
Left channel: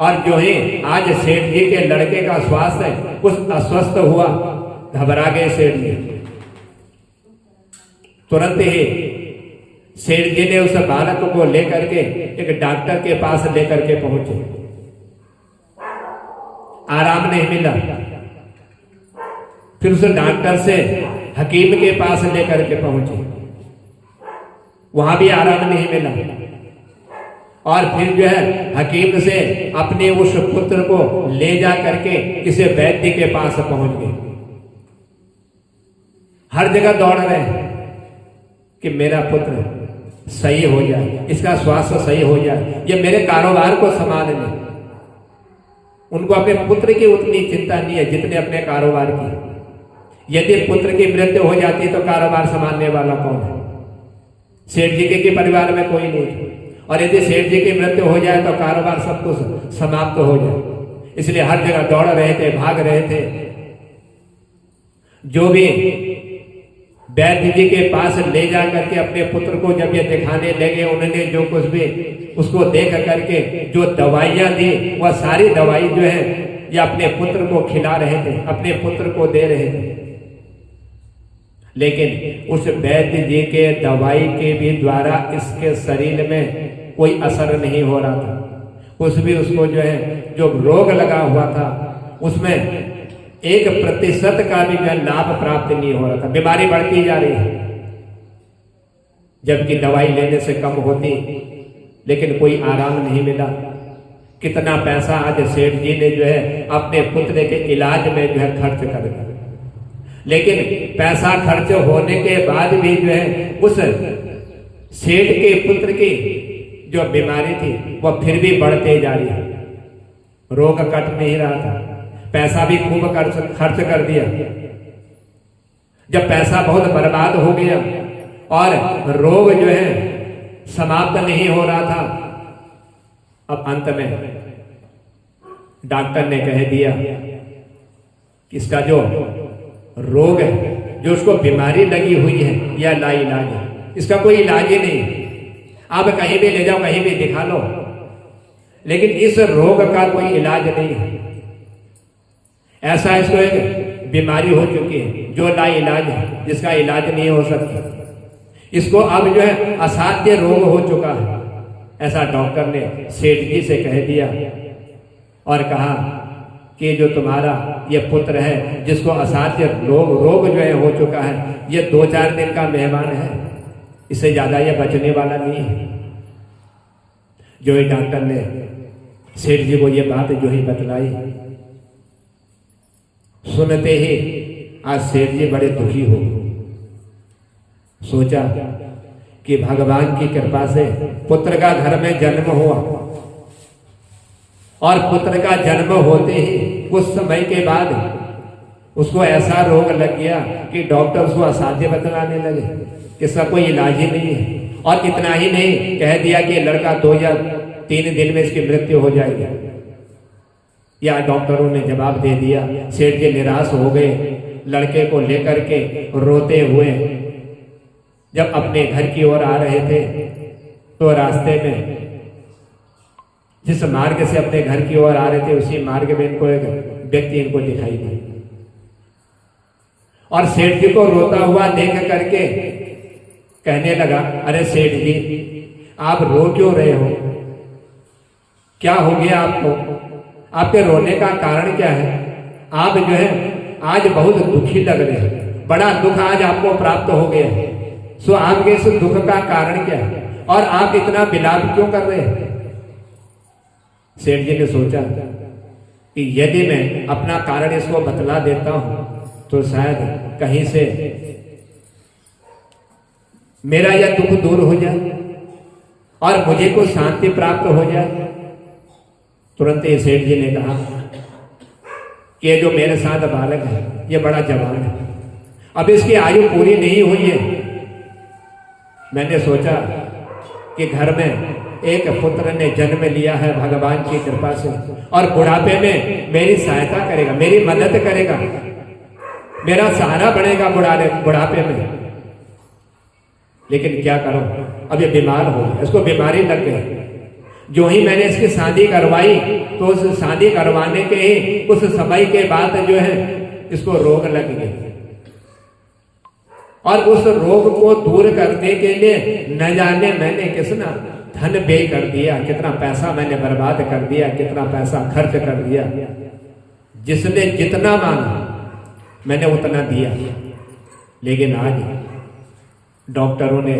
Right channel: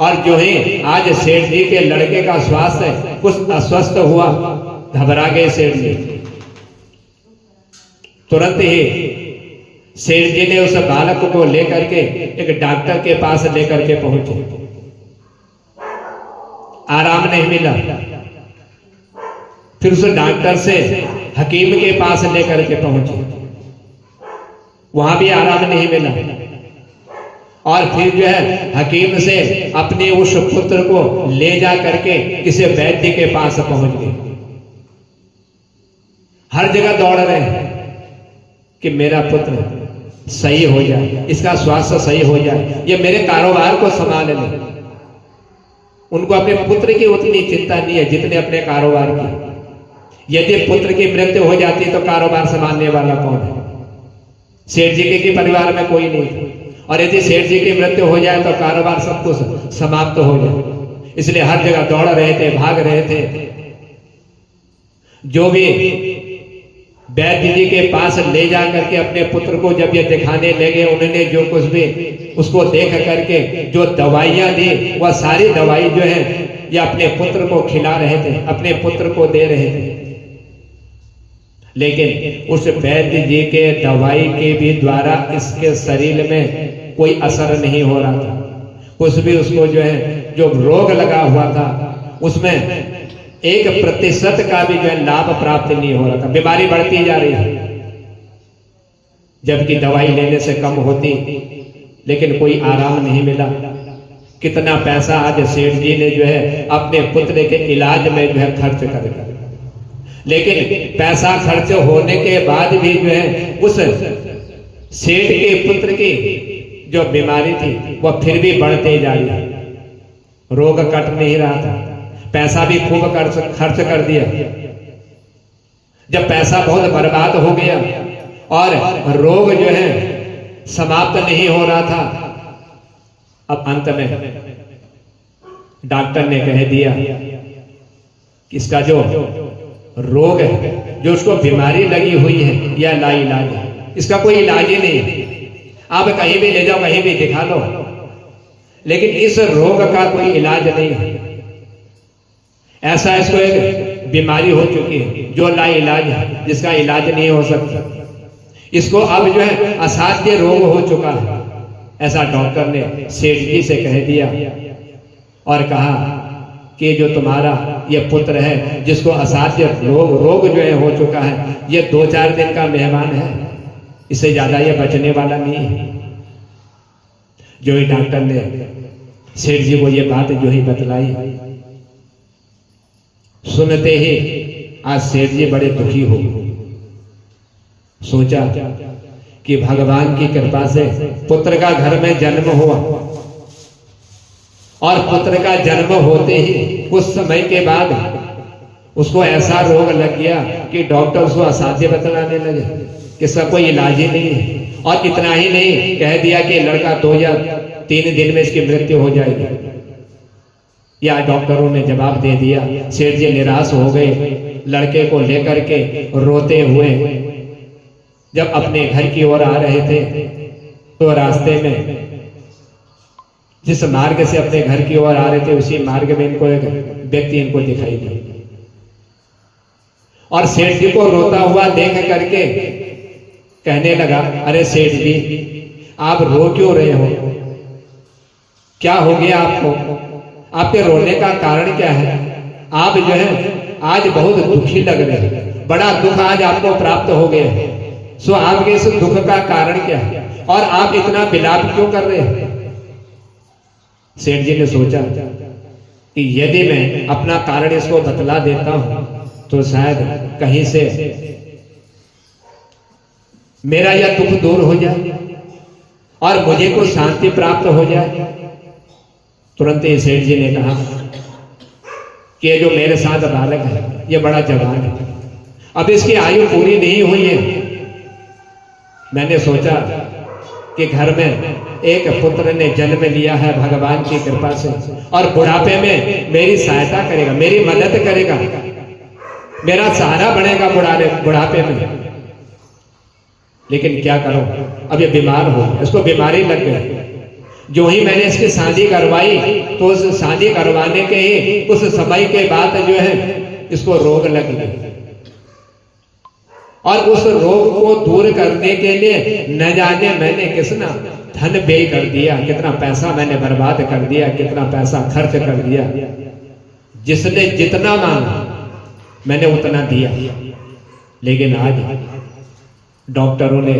और जो ही आज सेठ जी के लड़के का स्वास्थ्य कुछ अस्वस्थ हुआ, घबरा गए सेठ जी। तुरंत ही सेठ जी ने उस बालक को लेकर के एक डॉक्टर के पास लेकर के पहुंचे। आराम नहीं मिला, फिर उस डॉक्टर से हकीम के पास लेकर के पहुंचे, वहां भी आराम नहीं मिला। और फिर जो है हकीम से अपने उस पुत्र को ले जा करके किसी वैद्य के पास पहुंच गए। हर जगह दौड़ रहे हैं कि मेरा पुत्र सही हो जाए, इसका स्वास्थ्य सही हो जाए, ये मेरे कारोबार को संभाल ले। उनको अपने पुत्र की उतनी चिंता नहीं है जितने अपने कारोबार की। यदि पुत्र की मृत्यु हो जाती तो कारोबार संभालने वाला कौन है? सेठ जी के परिवार में कोई नहीं, और यदि सेठ जी की मृत्यु हो जाए तो कारोबार सब कुछ समाप्त हो जाए। इसलिए हर जगह दौड़ रहे थे, भाग रहे थे। जो भी वैद्य जी के पास ले जा करके अपने पुत्र को जब ये दिखाने लगे, उन्होंने जो कुछ भी उसको देख करके जो दवाइयां दी, वह सारी दवाई जो है ये अपने पुत्र को खिला रहे थे, अपने पुत्र को दे रहे थे। लेकिन उस वैद्य जी के दवाई के भी द्वारा इसके शरीर में कोई असर नहीं हो रहा था। कुछ भी उसको जो है जो रोग लगा हुआ था उसमें 1% का भी जो है लाभ प्राप्त नहीं हो रहा था। बीमारी बढ़ती जा रही है, जबकि दवाई लेने से कम होती, लेकिन कोई आराम नहीं मिला। कितना पैसा आज सेठ जी ने जो है अपने पुत्र के इलाज में जो है खर्च कर दिया, लेकिन पैसा खर्च होने के बाद भी जो है उस सेठ के पुत्र की जो बीमारी थी वह फिर भी बढ़ते जा रही है। रोग कट नहीं रहा था, पैसा भी खूब खर्च कर दिया। जब पैसा बहुत बर्बाद हो गया और रोग जो है समाप्त नहीं हो रहा था, अब अंत में डॉक्टर ने कह दिया कि इसका जो रोग है, जो उसको बीमारी लगी हुई है, यह लाइलाज है, इसका कोई इलाज ही नहीं है। आप कहीं भी ले जाओ, कहीं भी दिखा लो, लेकिन इस रोग का कोई इलाज नहीं है। ऐसा इसको एक बीमारी हो चुकी है जो लाइलाज है, जिसका इलाज नहीं हो सकता। इसको अब जो है असाध्य रोग हो चुका है। ऐसा डॉक्टर ने सेठ जी से कह दिया और कहा कि जो तुम्हारा ये पुत्र है जिसको असाध्य रोग जो है हो चुका है, ये 2-4 दिन का मेहमान है, इससे ज्यादा ये बचने वाला नहीं है। जो ही डॉक्टर ने सेठ जी को ये बात जो ही बतलाई, सुनते ही आज सेठ जी बड़े दुखी हो गए। सोचा कि भगवान की कृपा से पुत्र का घर में जन्म हुआ, और पुत्र का जन्म होते ही कुछ समय के बाद उसको ऐसा रोग लग गया कि डॉक्टर उसको असाध्य बतलाने लगे कि इसका कोई इलाज ही नहीं है। और इतना ही नहीं, कह दिया कि लड़का 2 या 3 दिन में इसकी मृत्यु हो जाएगी। या डॉक्टरों ने जवाब दे दिया। सेठ जी निराश हो गए। लड़के को लेकर के रोते हुए जब अपने घर की ओर आ रहे थे तो रास्ते में जिस मार्ग से अपने घर की ओर आ रहे थे उसी मार्ग में इनको एक व्यक्ति इनको दिखाई दिया, और सेठ जी को रोता हुआ देख करके कहने लगा, अरे सेठ जी आप रो क्यों रहे हो? क्या हो गया आपको? आपके रोने का कारण क्या है? आप जो है आज बहुत दुखी लग रहे हैं, बड़ा दुख आज आपको प्राप्त हो गया है। सो आपके इस दुख का कारण क्या है और आप इतना विलाप क्यों कर रहे हैं? सेठ जी ने सोचा कि यदि मैं अपना कारण इसको बतला देता हूं तो शायद कहीं से मेरा यह दुख दूर हो जाए और मुझे को शांति प्राप्त हो जाए। तुरंत ही सेठ जी ने कहा कि ये जो मेरे साथ बालक है ये बड़ा जवान है, अब इसकी आयु पूरी नहीं हुई है। मैंने सोचा कि घर में एक पुत्र ने जन्म लिया है भगवान की कृपा से, और बुढ़ापे में मेरी सहायता करेगा, मेरी मदद करेगा, मेरा सहारा बनेगा बुढ़ापे में। लेकिन क्या करूं, अब ये बीमार हो, इसको बीमारी लग गई। जो ही मैंने इसकी शादी करवाई तो उस शादी करवाने के ही उस समय के बाद जो है इसको रोग लग गया, और उस रोग को दूर करने के लिए न जाने मैंने कितना धन व्यय कर दिया, कितना पैसा मैंने बर्बाद कर दिया, कितना पैसा खर्च कर दिया। जिसने जितना मांगा मैंने उतना दिया, लेकिन आज डॉक्टरों ने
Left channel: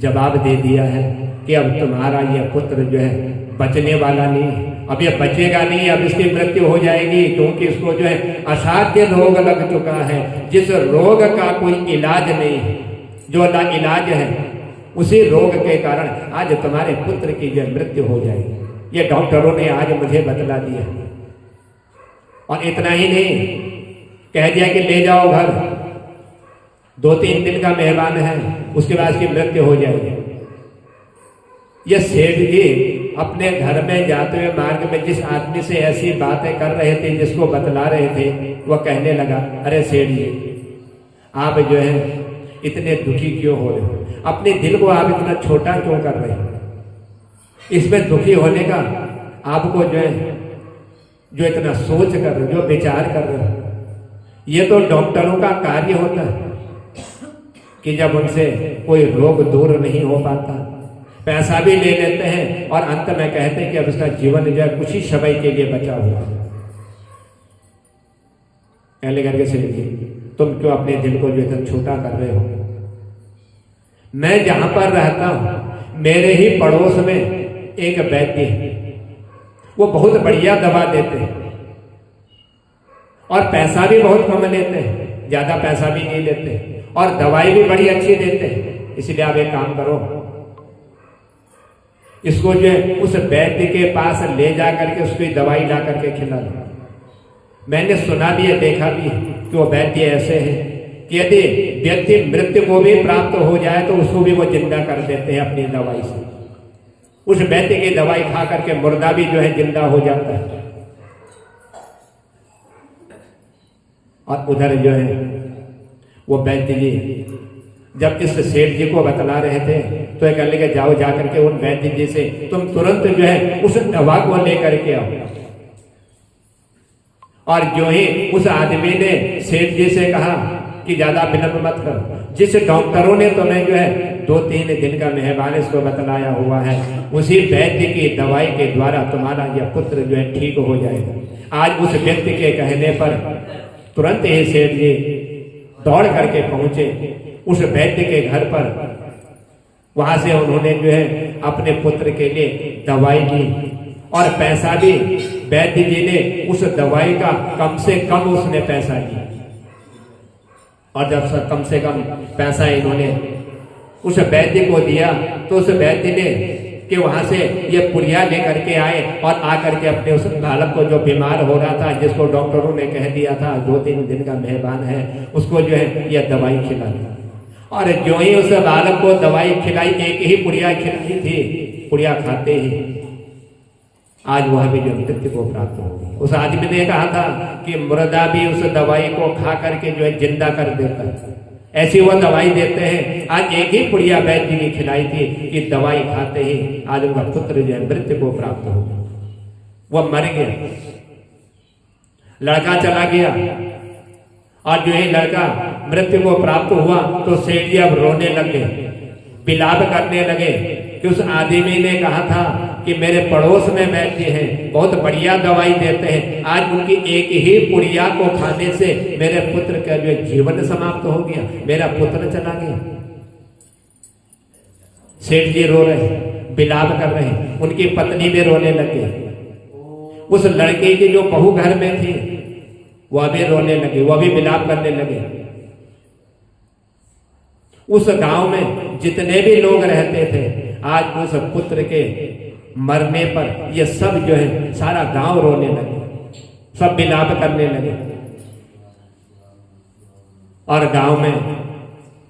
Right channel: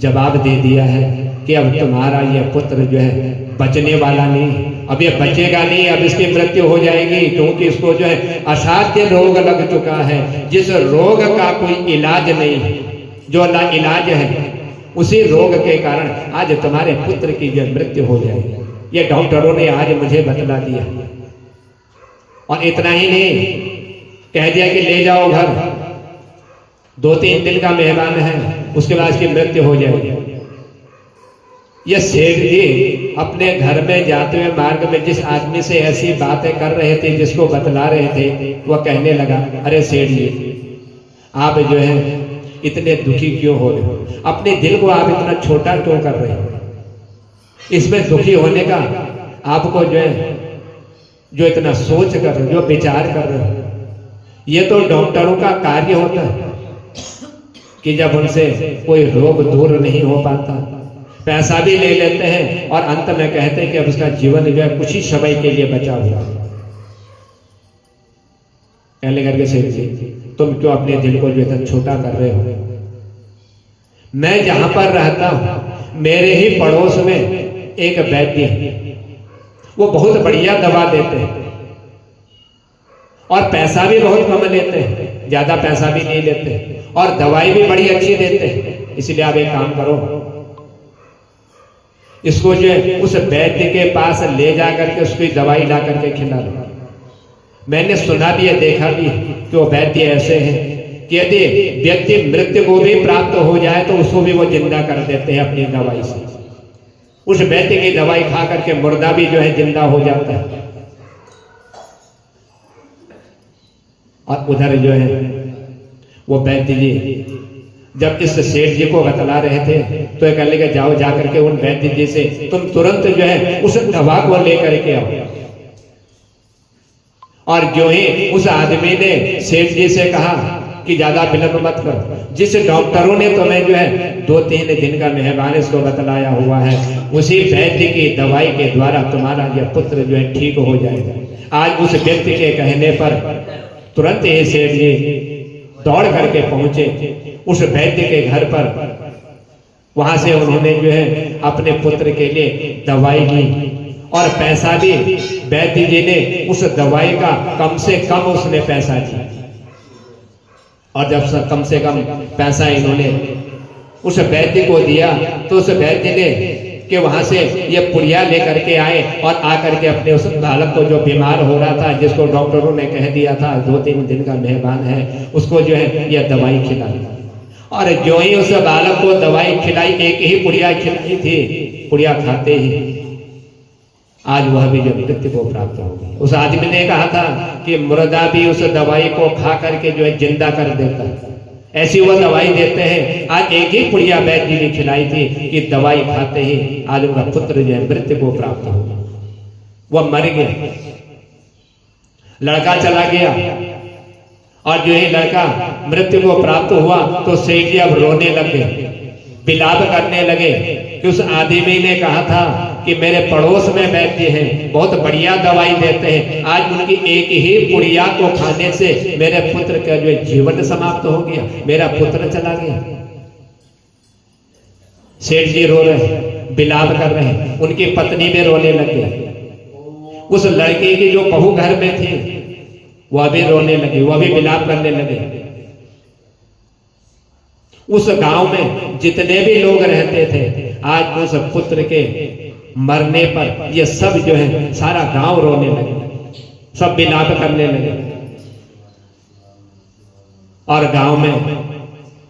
जवाब दे दिया है कि अब तुम्हारा यह पुत्र जो है बचने वाला नहीं, अब यह बचेगा नहीं, अब इसकी मृत्यु हो जाएगी, क्योंकि इसको जो है असाध्य रोग लग चुका है, जिस रोग का कोई इलाज नहीं है, जो इलाज है उसी रोग के कारण आज तुम्हारे पुत्र की जो मृत्यु हो जाएगी। ये डॉक्टरों ने आज मुझे बतला दिया। और इतना ही नहीं, कह दिया कि ले जाओ घर, 2-3 दिन का मेहमान है, उसके बाद इसकी मृत्यु हो जाएगी। ये सेठ जी अपने घर में जाते हुए मार्ग में जिस आदमी से ऐसी बातें कर रहे थे, जिसको बतला रहे थे, वह कहने लगा, अरे सेठ जी आप जो है इतने दुखी क्यों हो रहे हो? अपने दिल को आप इतना छोटा क्यों कर रहे हो? इसमें दुखी होने का आपको जो है जो इतना सोच कर रहे हो, जो विचार कर रहे हो, ये तो डॉक्टरों का कार्य होता है कि जब उनसे कोई रोग दूर नहीं हो पाता, पैसा भी ले लेते हैं और अंत में कहते हैं कि अब उसका जीवन जो है कुछ ही समय के लिए बचा हुआ। कहने करके सेठ जी तुम क्यों अपने दिल को जो इतना छोटा कर रहे हो? मैं जहां पर रहता हूं मेरे ही पड़ोस में एक वैद्य है, वो बहुत बढ़िया दवा देते हैं और पैसा भी बहुत कम लेते हैं, ज्यादा पैसा भी नहीं लेते, और दवाई भी बड़ी अच्छी देते हैं। इसलिए आप एक काम करो, इसको जो है उस वैद्य के पास ले जा करके उसकी दवाई ला करके खिला दो। मैंने सुना भी है, देखा भी है कि वो वैद्य ऐसे हैं कि यदि व्यक्ति मृत्यु को भी प्राप्त हो जाए तो उसको भी वो जिंदा कर देते हैं अपनी दवाई से। उस वैद्य की दवाई खा करके मुर्दा भी जो है जिंदा हो जाता है। और उधर जो है वो वैद्य जी जब इस सेठ जी को बतला रहे थे तो ये कहने लगे, जाओ जाकर के उन वैद्य जी से तुम तुरंत जो है उस दवा को लेकर के आओ। और जो ही उस आदमी ने सेठ जी से कहा कि ज्यादा विलंब मत करो, जिस डॉक्टरों ने तुम्हें जो है 2-3 दिन का मेहमान इसको बतलाया हुआ है, उसी वैद्य की दवाई के द्वारा तुम्हारा यह पुत्र जो है ठीक हो जाएगा। आज उस व्यक्ति के कहने पर तुरंत ही सेठ जी दौड़ करके पहुंचे उस वैद्य के घर पर। वहां से उन्होंने जो है अपने पुत्र के लिए दवाई ली और पैसा भी वैद्य जी ने उस दवाई का कम से कम उसने पैसा दिया। और जब कम से कम पैसा इन्होंने उस वैद्य को दिया तो उस वैद्य ने कि वहां से ये पुड़िया लेकर के आए और आकर के अपने उस बालक को जो बीमार हो रहा था, जिसको डॉक्टरों ने कह दिया था 2-3 दिन का मेहमान है, उसको जो है यह दवाई खिलाई। और जो ही उस बालक को दवाई खिलाई, एक ही पुड़िया खिलाई थी, पुड़िया खाते ही आज वह भी जो मृत्यु को प्राप्त हो गई। उस आदमी ने कहा था कि मुर्दा भी उस दवाई को खा करके जो है जिंदा कर देता है, ऐसी वो दवाई देते हैं। आज एक ही पुड़िया वैद्य जी ने खिलाई थी कि दवाई खाते ही आज उनका पुत्र जो है मृत्यु को प्राप्त हो गया, वह मर गया। लड़का चला गया और जो है लड़का मृत्यु को प्राप्त हुआ तो सेठ जी अब रोने लगे, विलाप करने लगे कि उस आदमी ने कहा था कि मेरे पड़ोस में वैद्य हैं, बहुत बढ़िया दवाई देते हैं, आज उनकी एक ही पुड़िया को खाने से मेरे पुत्र का जो जीवन समाप्त हो गया, मेरा पुत्र चला गया। सेठ जी रो रहे हैं, विलाप कर रहे हैं, उनकी पत्नी भी रोने लगी। उस लड़के की जो बहू घर में थी वह भी रोने लगी, वह भी विलाप करने लगे। उस गांव में जितने भी लोग रहते थे, आज उस पुत्र के मरने पर ये सब जो है सारा गांव रोने लगे, सब विलाप करने लगे। और गांव में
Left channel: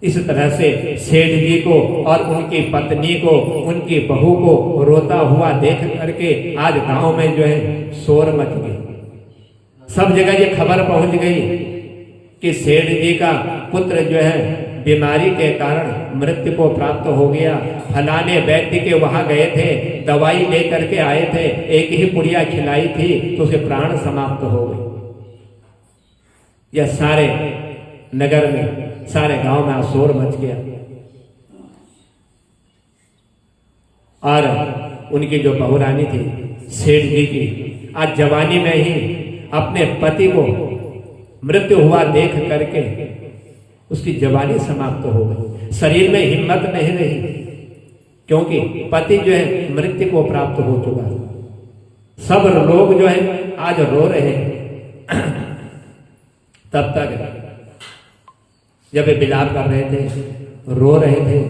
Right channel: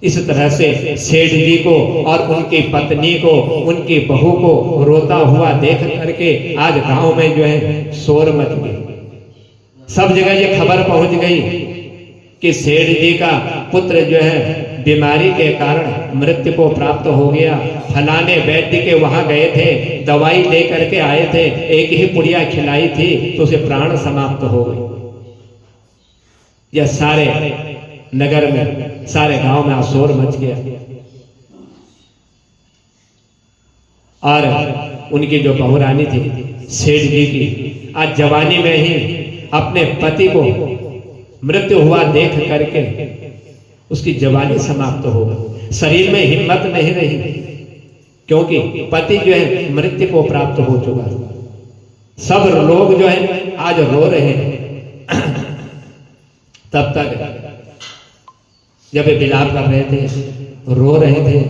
इस तरह से सेठ जी को और उनकी पत्नी को, उनकी बहू को रोता हुआ देख करके आज गांव में जो है शोर मच गई। सब जगह ये खबर पहुंच गई कि सेठ जी का पुत्र जो है बीमारी के कारण मृत्यु को प्राप्त हो गया। फलाने वैद्य के वहां गए थे, दवाई लेकर के आए थे, एक ही पुड़िया खिलाई थी तो उसे प्राण समाप्त हो गई। यह सारे नगर में, सारे गांव में शोर मच गया। और उनकी जो बहुरानी थी सेठ जी की, आज जवानी में ही अपने पति को मृत्यु हुआ देख करके उसकी जवानी समाप्त हो गई, शरीर में हिम्मत नहीं रही, क्योंकि पति जो है मृत्यु को प्राप्त हो चुका। सब लोग जो है आज रो रहे हैं। तब तक जब वे विलाप कर रहे थे, रो रहे थे,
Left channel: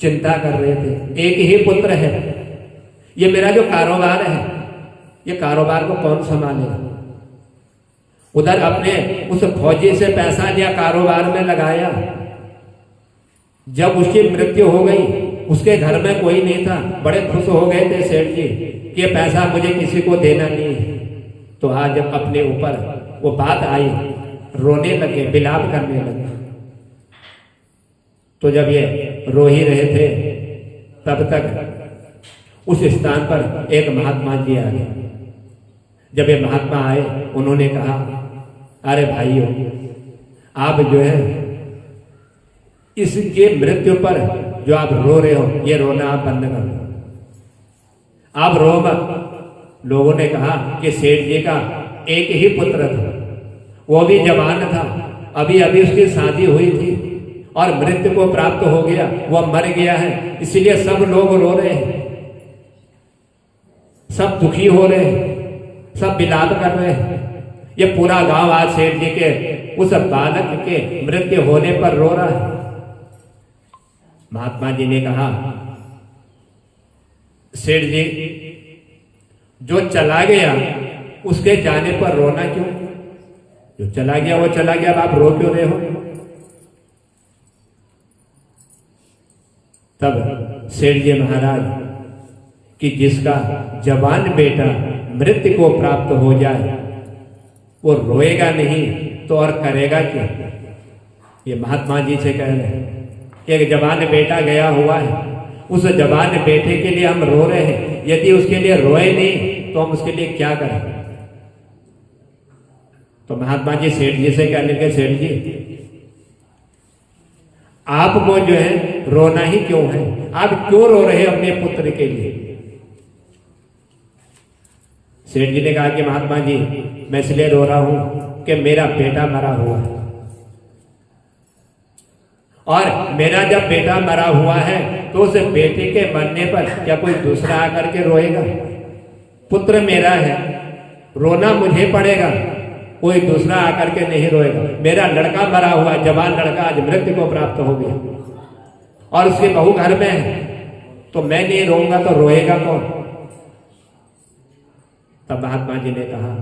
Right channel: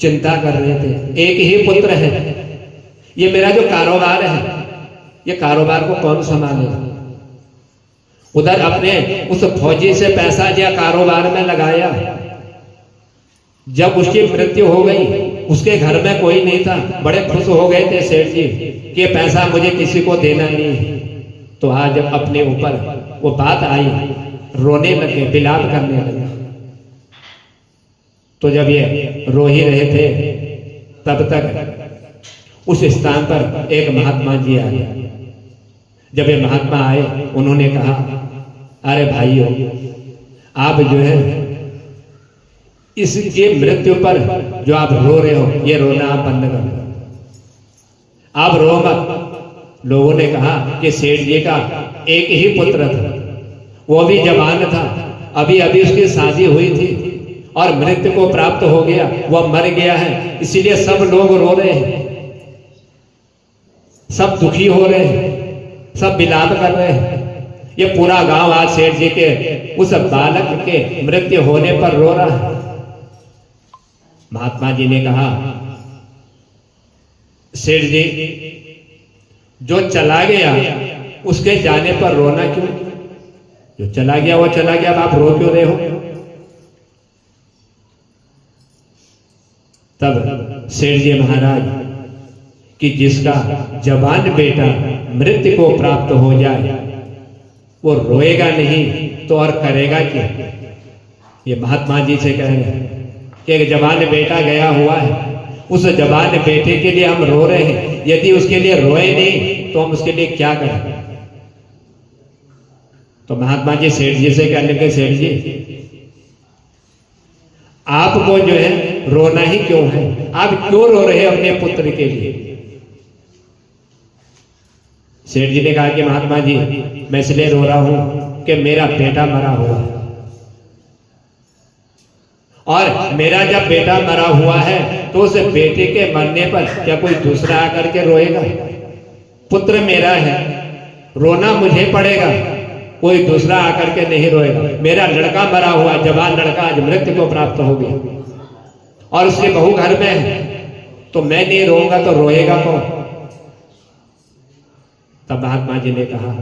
चिंता कर रहे थे, एक ही पुत्र है, ये मेरा जो कारोबार है, ये कारोबार को कौन संभालेगा। उधर अपने उस फौजी से पैसा दिया, कारोबार में लगाया, जब उसकी मृत्यु हो गई उसके घर में कोई नहीं था, बड़े खुश हो गए थे सेठ जी कि ये पैसा मुझे किसी को देना नहीं है। तो आज जब अपने ऊपर वो बात आई, रोने लगे, विलाप करने लगे। तो जब ये रो ही रहे थे तब तक उस स्थान पर एक महात्मा जी आए। जब ये महात्मा आए, उन्होंने कहा, अरे भाइयों, आप जो है इसके मृत्यु पर जो आप रो रहे हो, ये रोना आप बंद कर दो, आप रो मत। लोगों ने कहा कि सेठ जी का एक ही पुत्र था, वो भी जवान था, अभी अभी उसकी शादी हुई थी और मृत्यु को प्राप्त हो गया, वह मर गया है, इसलिए सब लोग रो रहे हैं, सब दुखी हो रहे हैं, सब विलाप कर रहे हैं। ये पूरा गांव आज सेठ जी के उस बालक के मृत्यु होने पर रो रहा है। महात्मा जी ने कहा, सेठ जी, जो चला गया उसके जाने पर रोना क्यों? जो चला गया वो चला गया, अब आप रो क्यों रहे हो? तब सेठ जी महाराज कि जिसका जवान बेटा मृत्यु को प्राप्त हो जाए वो रोएगा नहीं तो और करेगा क्या? ये महात्मा जी से कह रहे हैं कि एक जवान बेटा गया हुआ है, उस जवान बेटे के लिए हम रो रहे हैं, यदि उसके लिए रोए नहीं तो हम उसके लिए क्या करें? तो महात्मा जी सेठ जी से कहने के, सेठ जी आपको जो है रोना ही क्यों है? आप क्यों रो रहे हैं अपने पुत्र के लिए? सेठ जी ने कहा कि महात्मा जी, मैं इसलिए रो रहा हूं कि मेरा बेटा मरा हुआ है और मेरा जब बेटा मरा हुआ है तो उस बेटे के मरने पर क्या कोई दूसरा आकर के रोएगा? पुत्र मेरा है, रोना मुझे पड़ेगा, कोई दूसरा आकर के नहीं रोएगा। मेरा लड़का मरा हुआ, जवान लड़का आज मृत्यु को प्राप्त हो गया और उसकी बहू घर में है, तो मैं नहीं रोऊंगा तो रोएगा कौन? तब महात्मा जी ने कहा,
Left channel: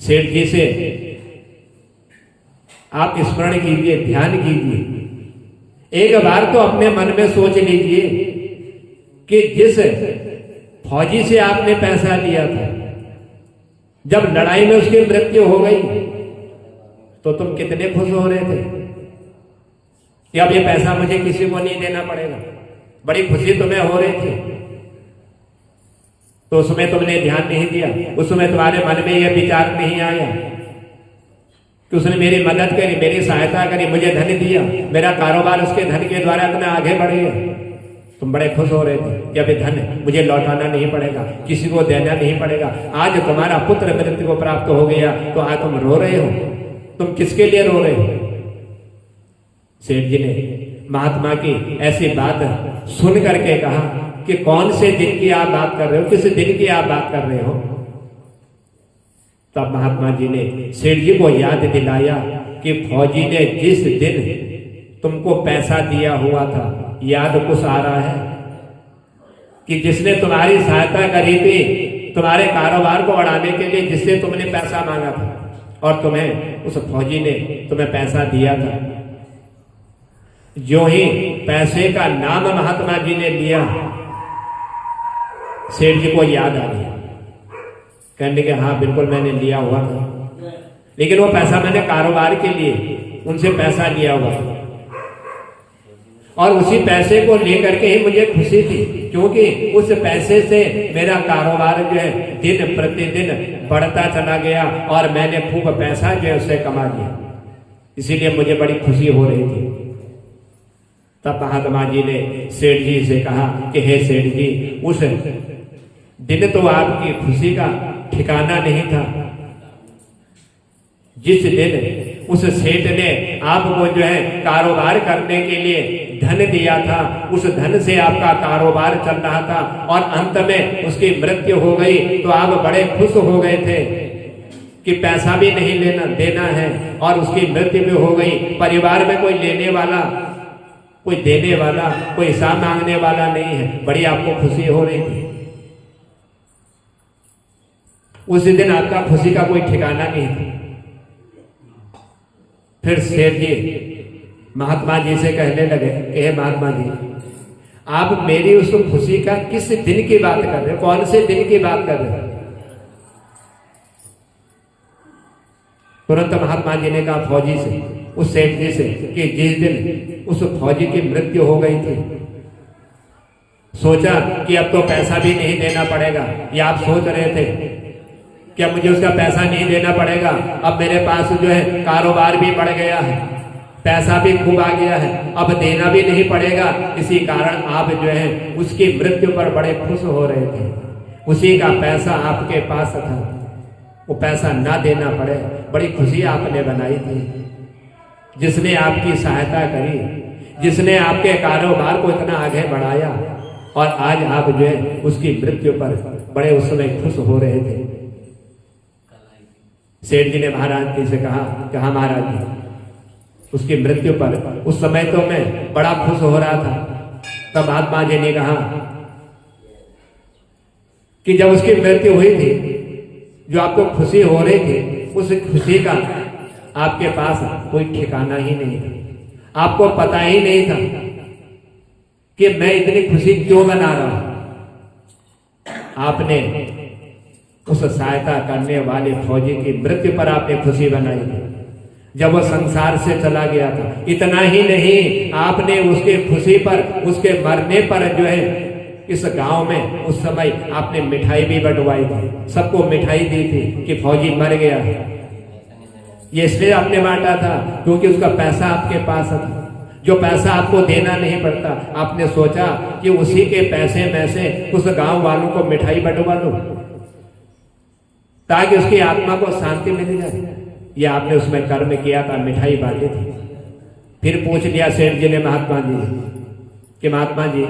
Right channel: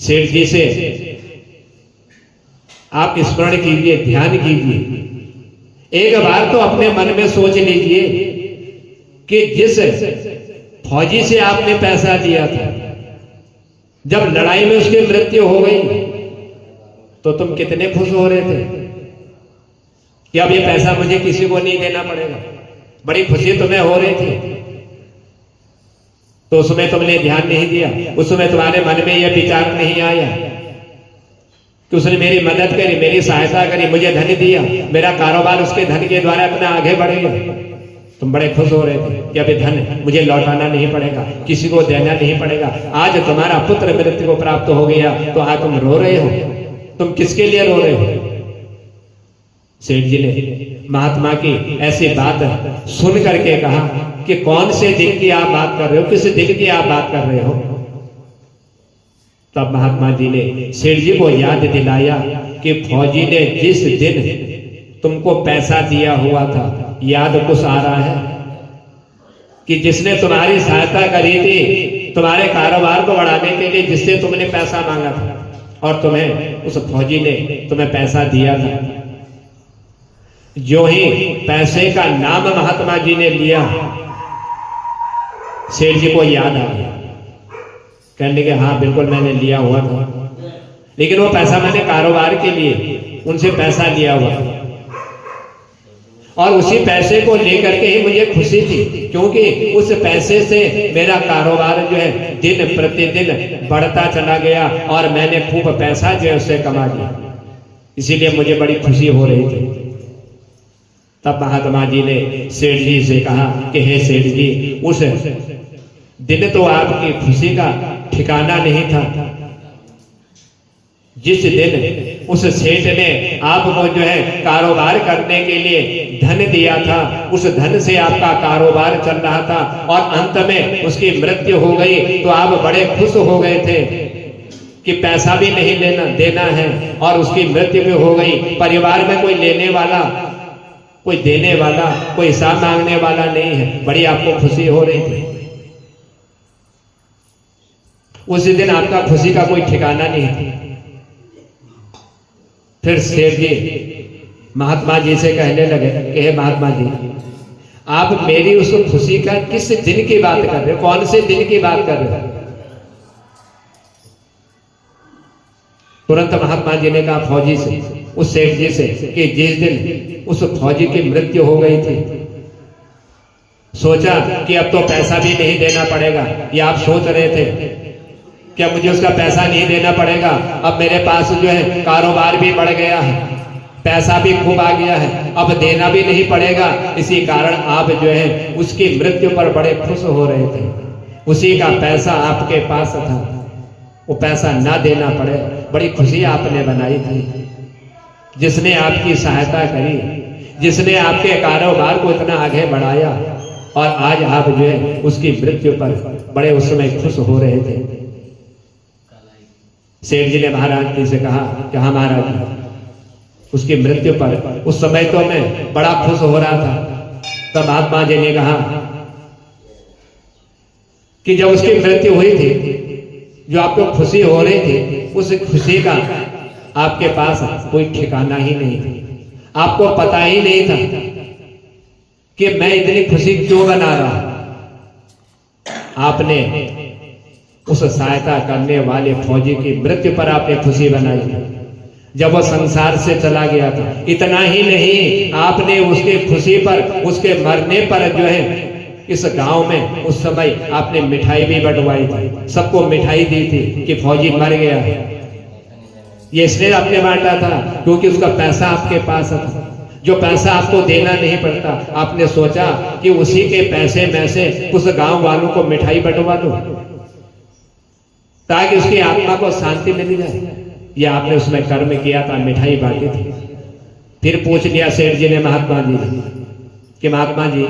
सेठ जी से आप स्मरण कीजिए, ध्यान कीजिए, एक बार तो अपने मन में सोच लीजिए कि जिस फौजी से आपने पैसा लिया था, जब लड़ाई में उसकी मृत्यु हो गई तो तुम कितने खुश हो रहे थे कि अब ये पैसा मुझे किसी को नहीं देना पड़ेगा। बड़ी खुशी तुम्हें हो रही थी, तो उसमें तुमने ध्यान नहीं दिया, उसमें तुम्हारे मन में यह विचार नहीं आया कि उसने मेरी मदद करी, मेरी सहायता करी, मुझे धन दिया, मेरा कारोबार उसके धन के द्वारा इतना आगे बढ़ गया। तुम बड़े खुश हो रहे थे कि अभी धन मुझे लौटाना नहीं पड़ेगा, किसी को देना नहीं पड़ेगा। आज तुम्हारा पुत्र मृत्यु को प्राप्त हो गया तो आज तुम रो रहे हो। तुम किसके लिए रो रहे हो? सेठ जी ने महात्मा की ऐसी बात सुन करके कहा कि कौन से दिन की आप बात कर रहे हो, किस दिन की आप बात कर रहे हो? तब महात्मा जी ने सेठ जी को याद दिलाया कि फौजी ने जिस दिन तुमको पैसा दिया हुआ था, याद कुछ आ रहा है कि जिसने तुम्हारी सहायता करी थी, तुम्हारे कारोबार को बढ़ाने के लिए जिससे तुमने पैसा मांगा था और तुम्हें उस फौजी ने तुम्हें पैसा दिया था। जो ही पैसे का नाम महात्मा जी ने लिया, सेठ जी को याद आ गया, कहने के हाँ बिल्कुल मैंने लिया हुआ था, लेकिन वो पैसा मैंने कारोबार के लिए उनसे पैसा लिया हुआ और उसी पैसे को लेकर के ही मुझे खुशी थी, क्योंकि उस पैसे से मेरा कारोबार जो है दिन प्रतिदिन बढ़ता चला गया और मैंने खूब पैसा जो है उससे कमा लिया, इसीलिए मुझे बड़ी खुशी हो रही थी। तब महात्मा जी ने सेठ जी से कहा कि हे सेठ जी, उस दिन तो आपकी खुशी का ठिकाना नहीं था। जिस दिन उस सेठ ने आपको जो है कारोबार करने के लिए धन दिया था, उस धन से आपका कारोबार चल रहा था और अंत में उसकी मृत्यु हो गई, तो आप बड़े खुश हो गए थे कि पैसा भी नहीं लेना देना है और उसकी मृत्यु भी हो गई। परिवार में कोई लेने वाला, कोई देने वाला, कोई हिसाब मांगने वाला नहीं है। बड़ी आपको खुशी हो रही थी। उस दिन आपका खुशी का कोई ठिकाना नहीं था। फिर सेठ जी महात्मा जी से कहने लगे कि हे महात्मा जी, आप मेरी उस खुशी का किस दिन की बात कर रहे हैं? कौन से दिन की बात कर रहे हैं? तुरंत महात्मा जी ने कहा फौजी से, उस सेठ जी से, कि जिस दिन उस फौजी की मृत्यु हो गई थी, सोचा कि अब तो पैसा भी नहीं देना पड़ेगा। या आप सोच रहे थे कि अब मुझे उसका पैसा नहीं देना पड़ेगा, अब मेरे पास जो है कारोबार भी बढ़ गया है, पैसा भी खूब आ गया है, अब देना भी नहीं पड़ेगा। इसी कारण आप जो है उसकी मृत्यु पर बड़े खुश हो रहे थे। उसी का पैसा आपके पास था, वो पैसा ना देना पड़े, बड़ी खुशी आपने बनाई थी। जिसने आपकी सहायता करी, जिसने आपके कारोबार को इतना आगे बढ़ाया, और आज आप जो है उसकी मृत्यु पर बड़े उस समय खुश हो रहे थे। सेठ जी ने महाराज जी से कहा कि हाँ महाराज जी, उसकी मृत्यु पर उस समय तो मैं बड़ा खुश हो रहा था। तब महात्मा जी ने कहा कि जब उसकी मृत्यु हुई थी, जो आपको खुशी हो रही थी, उस खुशी का आपके पास कोई ठिकाना ही नहीं था। आपको पता ही नहीं था कि मैं इतनी खुशी क्यों मना रहा। आपने उस सहायता करने वाले फौजी की मृत्यु पर आपने खुशी बनाई थी, जब वह संसार से चला गया था। इतना ही नहीं, आपने उसके खुशी पर, उसके मरने पर जो है इस गांव में उस समय आपने मिठाई भी बंटवाई थी, सबको मिठाई दी थी कि फौजी मर गया है। ये इसलिए आपने बांटा था क्योंकि उसका पैसा आपके पास था, जो पैसा आपको देना नहीं पड़ता। आपने सोचा कि उसी के पैसे में से उस गांव वालों को मिठाई बंटवा दो ताकि उसकी आत्मा को शांति मिल जाए। यह आपने उसमें कर्म किया था, मिठाई बांटी थी। फिर पूछ लिया सेठ जी ने महात्मा जी कि महात्मा जी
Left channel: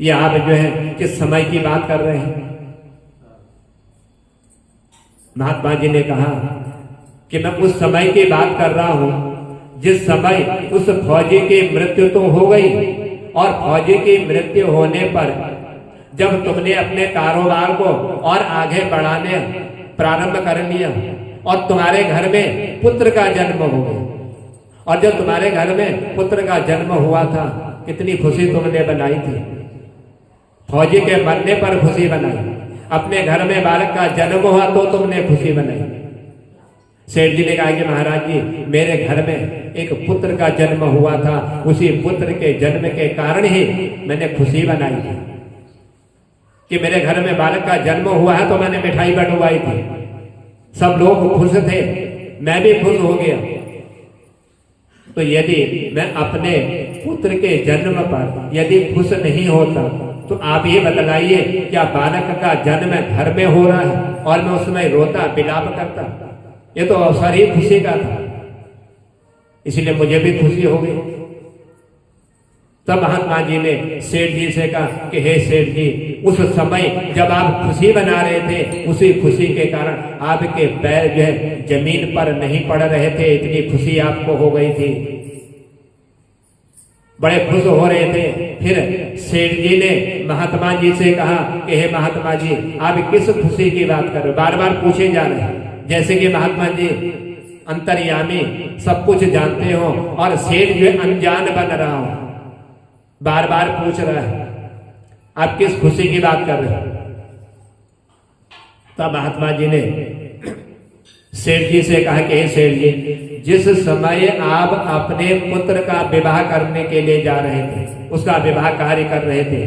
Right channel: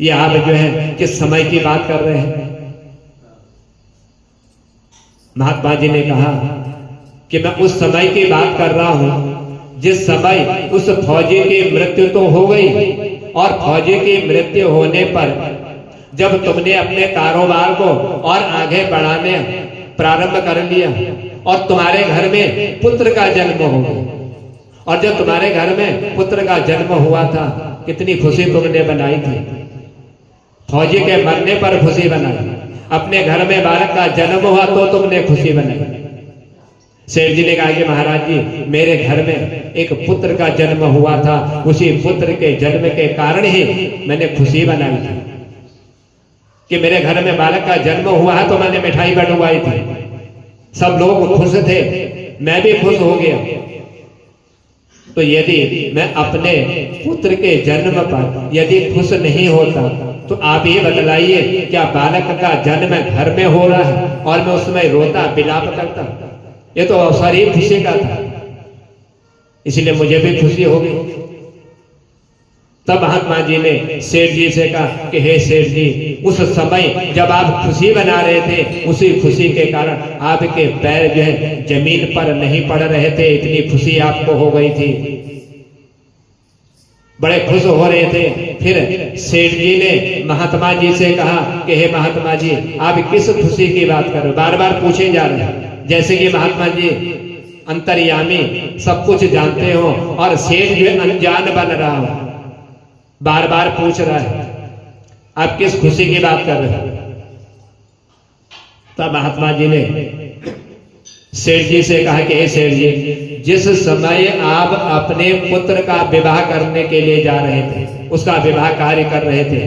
ये आप जो है किस समय की बात कर रहे हैं? महात्मा जी ने कहा कि मैं उस समय की बात कर रहा हूं जिस समय उस फौजी की मृत्यु तो हो गई, और फौजी की मृत्यु होने पर जब तुमने अपने कारोबार को और आगे बढ़ाने प्रारंभ कर लिया और तुम्हारे घर में पुत्र का जन्म हो गया, और जब तुम्हारे घर में पुत्र का जन्म हुआ था कितनी खुशी तुमने बनाई थी। फौजी के मरने पर खुशी बनाई, अपने घर में बालक का जन्म हुआ तो तुमने खुशी बनाई। सेठ जी ने कहा कि महाराज जी मेरे घर में एक पुत्र का जन्म हुआ था, उसी पुत्र के जन्म के कारण ही मैंने खुशी बनाई थी कि मेरे घर में बालक का जन्म हुआ है, तो मैंने मिठाई बंटवाई थी, सब लोग खुश थे, मैं भी खुश हो गया। तो यदि मैं अपने पुत्र के जन्म पर यदि खुश नहीं होता तो आप ये बतलाइए क्या बालक का जन्म घर में हो रहा है और मैं उसमें रोता विलाप करता? ये तो अवसर ही खुशी का था, इसलिए मुझे भी खुशी हो गई। तब महात्मा जी ने सेठ जी से कहा कि हे सेठ जी, उस समय जब आप खुशी बना रहे थे उसी खुशी के कारण आपके पैर जो है जमीन पर नहीं पड़ रहे थे, इतनी खुशी आपको हो गई थी, बड़े खुश हो रहे थे। फिर सेठ जी ने महात्मा जी से कहा कि हे महात्मा जी आप किस खुशी की बात कर रहे हो? बार बार पूछे जा रहे हैं जैसे कि महात्मा जी अंतर्यामी सब कुछ जानते हो और सेठ जो अनजान बन रहा हो, बार बार पूछ रहा है आप किस खुशी की बात कर रहे हो? तब महात्मा जी ने सेठ जी से कहा कि हे सेठ जी, जिस समय आप अपने पुत्र का विवाह करने के लिए जा रहे थे, उसका विवाह कार्य कर रहे थे,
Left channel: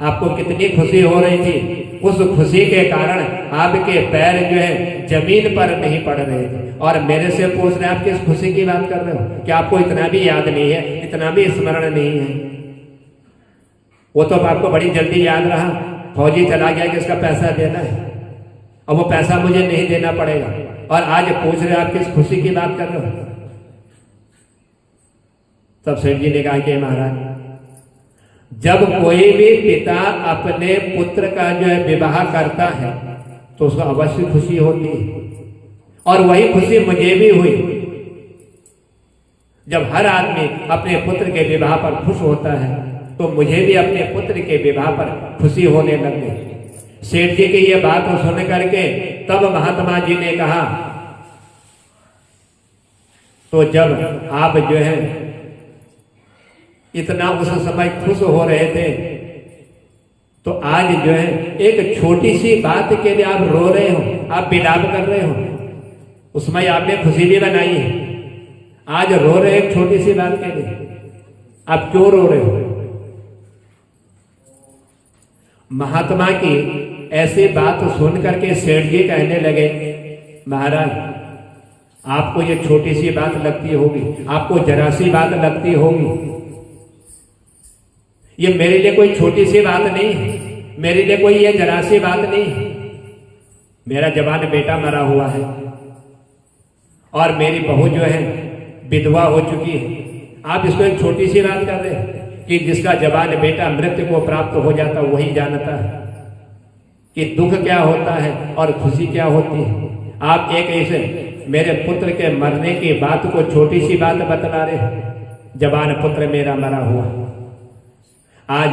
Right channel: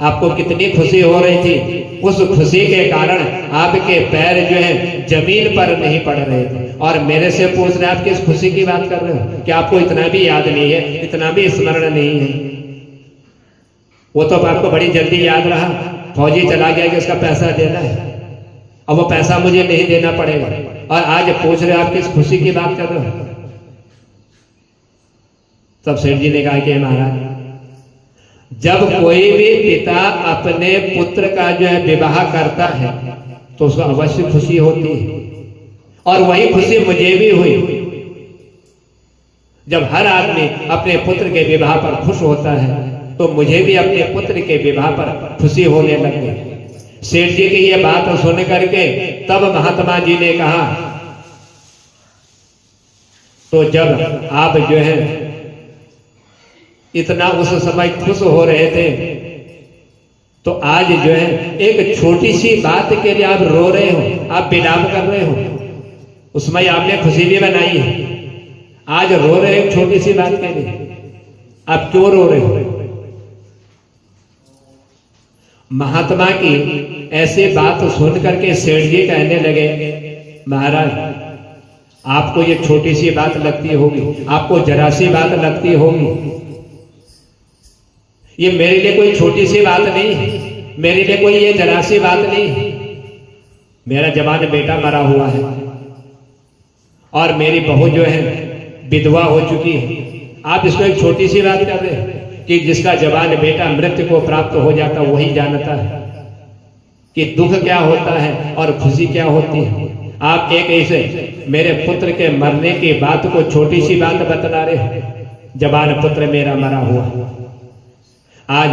आपको कितनी खुशी हो रही थी, उस खुशी के कारण आपके पैर जो है जमीन पर नहीं पड़ रहे थे, और मेरे से पूछ रहे आप किस खुशी की बात कर रहे हो? क्या आपको इतना भी याद नहीं है, इतना भी स्मरण नहीं है? वो तो आपको बड़ी जल्दी याद रहा, फौजी चला गया कि उसका पैसा देना है, और वो पैसा मुझे नहीं देना पड़ेगा, और आज पूछ रहे आप किस खुशी की बात कर रहे हो? तब सेठ जी ने कहा कि महाराज, जब कोई भी पिता अपने पुत्र का जो है विवाह करता है तो उसको अवश्य खुशी होती है, और वही खुशी मुझे भी हुई जब हर आदमी अपने पुत्र के विवाह पर खुश होता है, तो मुझे भी अपने पुत्र के विवाह पर खुशी होने लग गई। सेठ जी की ये बात सुन करके तब महात्मा जी ने कहा, तो जब आप जो है इतना उस समय खुश हो रहे थे, तो आज जो है एक छोटी सी बात के लिए आप रो रहे हो, आप विलाप कर रहे हो, उसमें आपने खुशी भी बनाई है, आज रो रहे हो छोटी सी बात के लिए, आप क्यों रो रहे हो? महात्मा की ऐसी बात सुन करके सेठ जी कहने लगे, महाराज आपको ये छोटी सी बात लगती होगी, आपको जरा सी बात लगती होगी, ये मेरे लिए कोई छोटी सी बात नहीं है, मेरे लिए कोई ये जरा सी बात नहीं है। मेरा जवान बेटा मरा हुआ है और मेरी बहू जो है विधवा हो चुकी है, आप इसको एक छोटी सी बात कर रहे हैं कि जिसका जवान बेटा मृत्यु को प्राप्त हो जाता वही जानता है कि दुख क्या होता है और खुशी क्या होती है। आप एक ऐसे मेरे पुत्र के मरने की बात को छोटी सी बात बतला रहे हैं, जवान पुत्र मेरा मरा हुआ। आज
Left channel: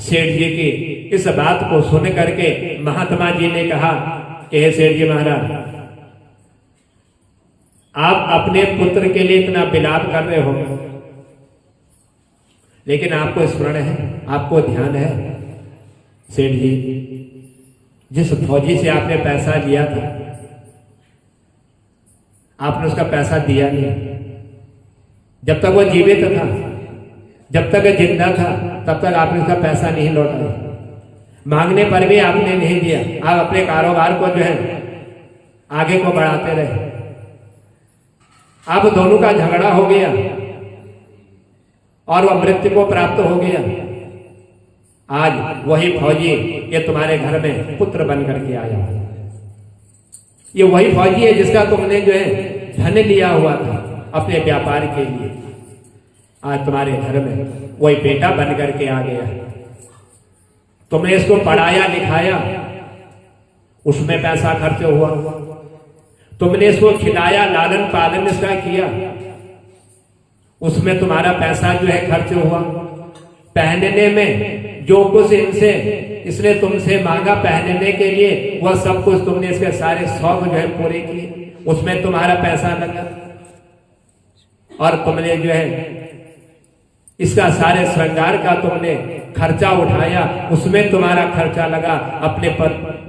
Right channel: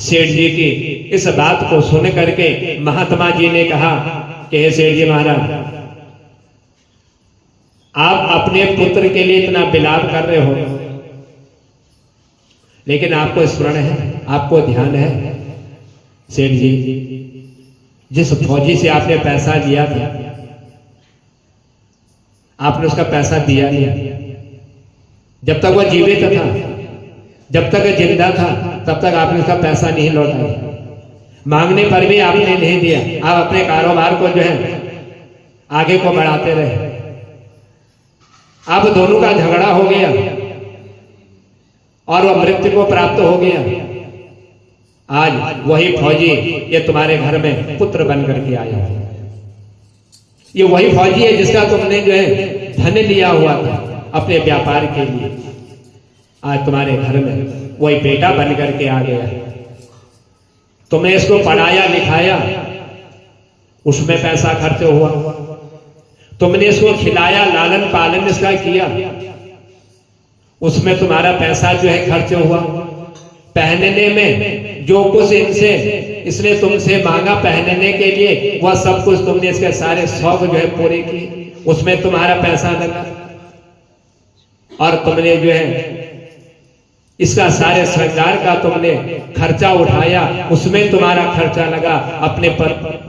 सेठ जी की इस बात को सुन करके महात्मा जी ने कहा कि हे सेठ जी महाराज, आप अपने पुत्र के लिए इतना विलाप कर रहे हो, लेकिन आपको स्मरण है, आपको ध्यान है सेठ जी, जिस फौजी से आपने पैसा लिया था आपने उसका पैसा दिया नहीं। जब तक वो जीवित था, जब तक जिंदा था, तब तक आपने उसका पैसा नहीं लौटाया, मांगने पर भी आपने नहीं दिया। आप अपने कारोबार को जो है आगे को बढ़ाते रहे। आप दोनों का झगड़ा हो गया और वह मृत्यु को प्राप्त हो गया। आज वही फौजी ये तुम्हारे घर में पुत्र बन करके आया। ये वही फौजी है जिसका तुमने जो है धन लिया हुआ था, अपने व्यापार के लिए। आज तुम्हारे घर में वही बेटा बन करके आ गया, तुमने इसको पढ़ाया लिखाया, उसमें पैसा खर्च हुआ। तुमने इसको खिलाया, लालन पालन इसका किया, उसमें तुम्हारा पैसा जो है खर्च हुआ। पहनने में जो कुछ इसने तुमसे मांगा पहनने के लिए, वह सब कुछ तुमने इसके सारे शौक जो है पूरे किए, उसमें तुम्हारा पैसा लगा। और तुमने जो है इसका सारे श्रृंगार का तुमने खर्चा उठाया, उसमें तुम्हारा खर्चा लगा। अपने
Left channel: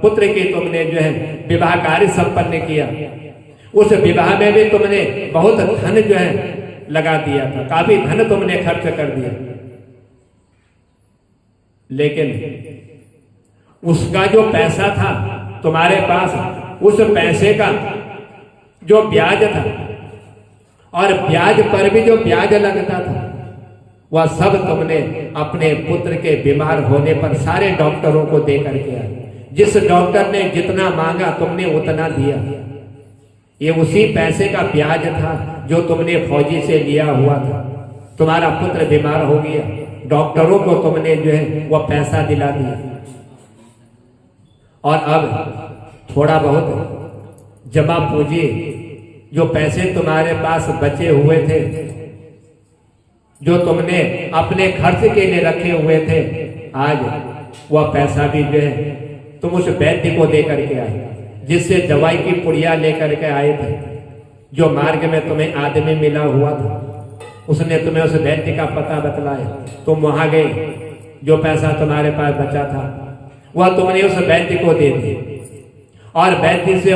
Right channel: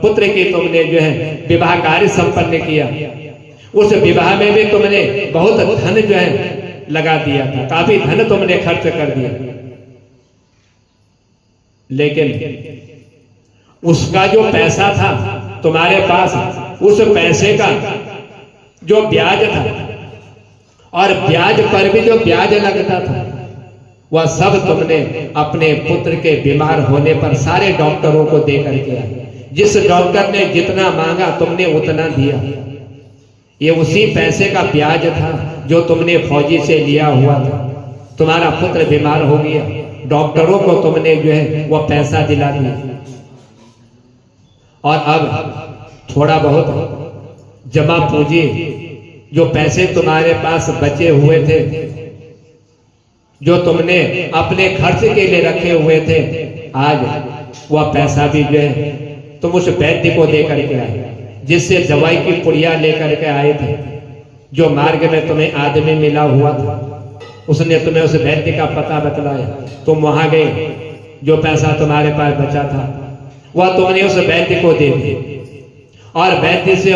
पुत्र की तुमने जो है विवाह कार्य संपन्न किया, उस विवाह में भी तुमने बहुत धन जो है लगा दिया था, काफी धन तुमने खर्च कर दिया। लेकिन उसका जो पैसा था तुम्हारे पास, उस पैसे का जो ब्याज था और ब्याज पर भी जो ब्याज लगता था, वह सब तुमने अपने पुत्र के बीमार होने पर सारे डॉक्टरों को दे करके आए। जिस डॉक्टर ने जितना मांगा तुमने उतना दिया। ये उसी पैसे का ब्याज था जो तुमने फौजी से लिया हुआ था। तुम्हारा पुत्र बीमार हो गया, डॉक्टरों को तुमने जो है वह पैसा दिला दिया, और अब थोड़ा बहुत जमा पूंजी जो पैसे तुम्हारे पास बचे हुए थे, जो तुमने अपने खर्च के लिए रखे हुए थे, आज वह पैसा भी जो है तुम उस वैद्य को दे करके आए, जिससे दवाई की पुड़िया लेकर के आए थे। जो मार्ग में तुम्हें आदमी मिला हुआ था, उसने तुम्हें उस वैद्य का पता बतलाया, तुम वहां गए, जो पैसा तुम्हारे पास बचा था वह तुमने उस वैद्य को दे दिया, और वैद्य से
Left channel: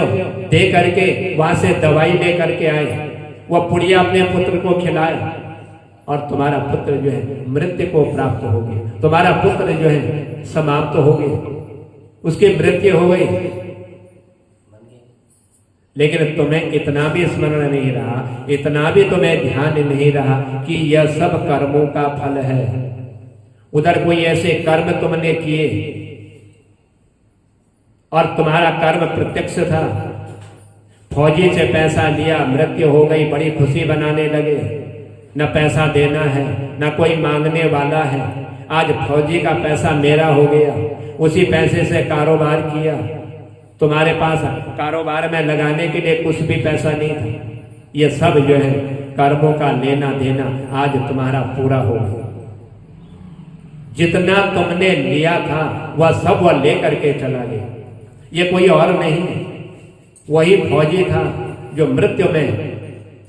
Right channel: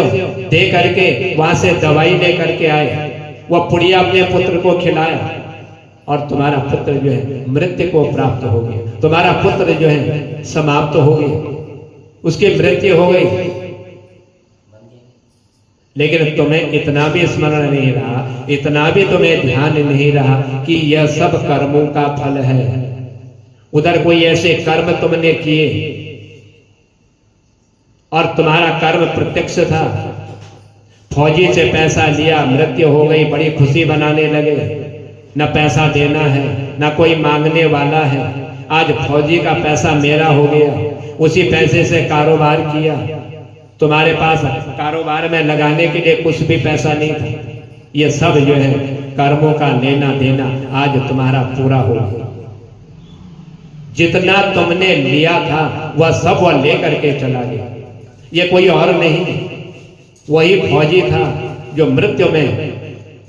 दे करके वहां से दवाई ले करके आए, वह पुड़िया अपने पुत्र को खिलाया, और तुम्हारा पुत्र जो है मृत्यु को प्राप्त हो गया। तुम्हारा पुत्र जो है समाप्त हो गया, उसकी मृत्यु हो गई। लेकिन तुम्हें इतना भी स्मरण नहीं रहा, इतना भी तुम्हें ध्यान नहीं रहा कि यह सब कर्मों का फल है। उधर कोई ऐसे कर्म तुमने किए और तुम्हारा कर्म प्रत्यक्ष था। फौजी से पैसा लिया, मृत्यु हो गई, बड़ी खुशी बनाने लगे, न पैसा देना है न कोई मांगने वाला है। आज फौजी का पैसा मेरा हो गया, उसी पैसे से कारोबार किया। तुम्हारे पास कारोबार में लगाने के लिए कुछ भी पैसा नहीं था। ये सब जो है कर्मों का लेना देना आज तुम्हारा पूरा हो गया। जितना तुमने लिया था वह सब वह लेकर के चला गया। ये कोई और नहीं, वही फौजी था जो मृत्यु में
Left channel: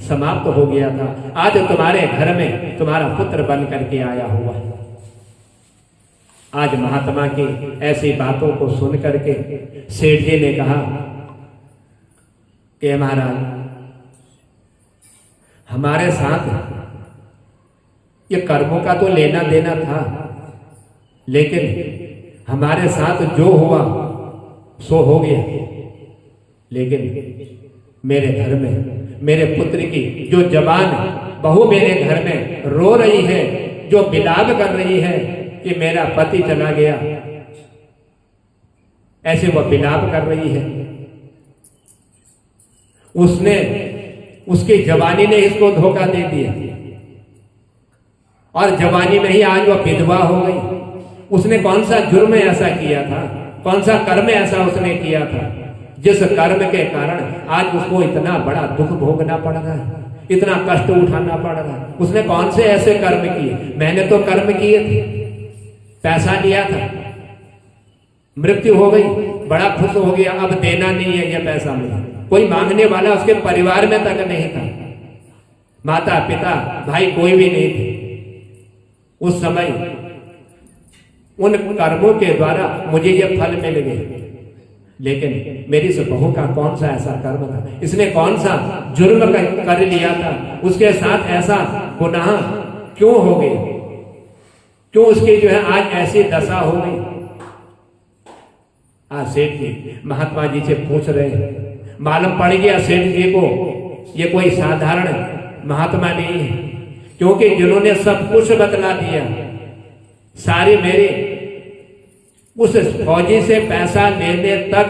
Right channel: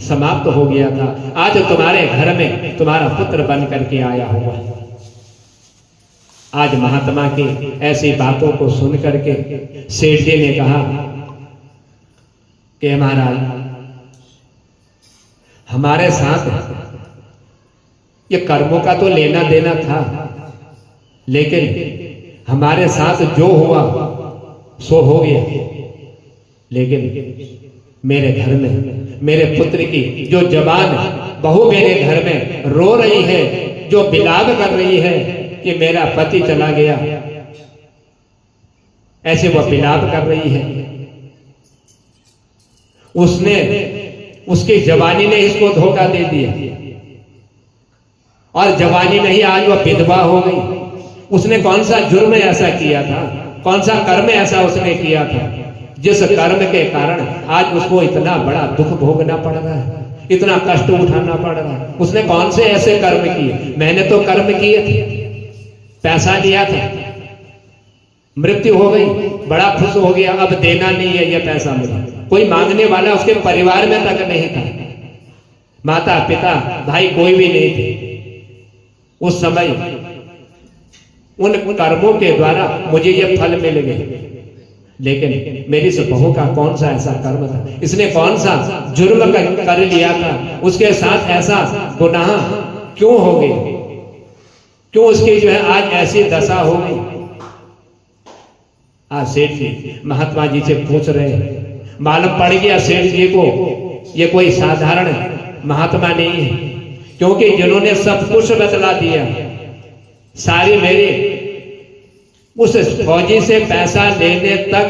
समाप्त हो गया था। आज तुम्हारे घर में तुम्हारा पुत्र बन करके आया हुआ है। आज महात्मा की ऐसी बातों को सुन करके सेठ जी ने कहा कि महाराज, हमारे साथ ये कर्मों का तो लेना देना था, लेकिन हमारे साथ जो हुआ सो हो गया। लेकिन मेरे घर में मेरे पुत्र की जो जवान बहू मेरे घर में रो रही है, जो विलाप कर रही है कि मेरा पति चला गया, ऐसे वह विलाप कर रही है। उसकी जवानी ने इसको धोखा दे दिया, और जवानी में ही आज वह विधवा हो गई। उसने कौन सा जुर्म ऐसा किया था, कौन सा कर्म ऐसा उसने किया था, जिस कर्म के कारण आज उसको इतना बड़ा दुख भोगना पड़ रहा है, इतना कष्ट उठाना पड़ रहा है। उसने कौन से ऐसे कर्म किए? मैंने तो कर्म किए थे, पैसा लिया था, मृत्यु हो गई, बड़ा खुश हो गया, अब देना नहीं है ये पैसा मुझे। कोई मांगने वाला उसके परिवार में तक नहीं था, माता पिता भाई कोई भी नहीं थे। उस समय उन कर्मों के द्वारा मुझे ये फल मिल गए। लेकिन मेरी इस बहू का कौन सा ऐसा कर्म था, इसने कौन सा जुर्म कर लिया था, उसके साथ ऐसा गुनाह क्यों हो गया, क्यों उसकी जो है आज ऐसी दशा हो गई। आज सेठ जी महात्मा जी से पूछ रहे हैं। मालूम पड़ गया सेठ जी को ये कोई साधारण महात्मा नहीं है, क्योंकि जिन्होंने सब कुछ बतला दिया, सारी मेरी उस फौजी से पैसा लेने तक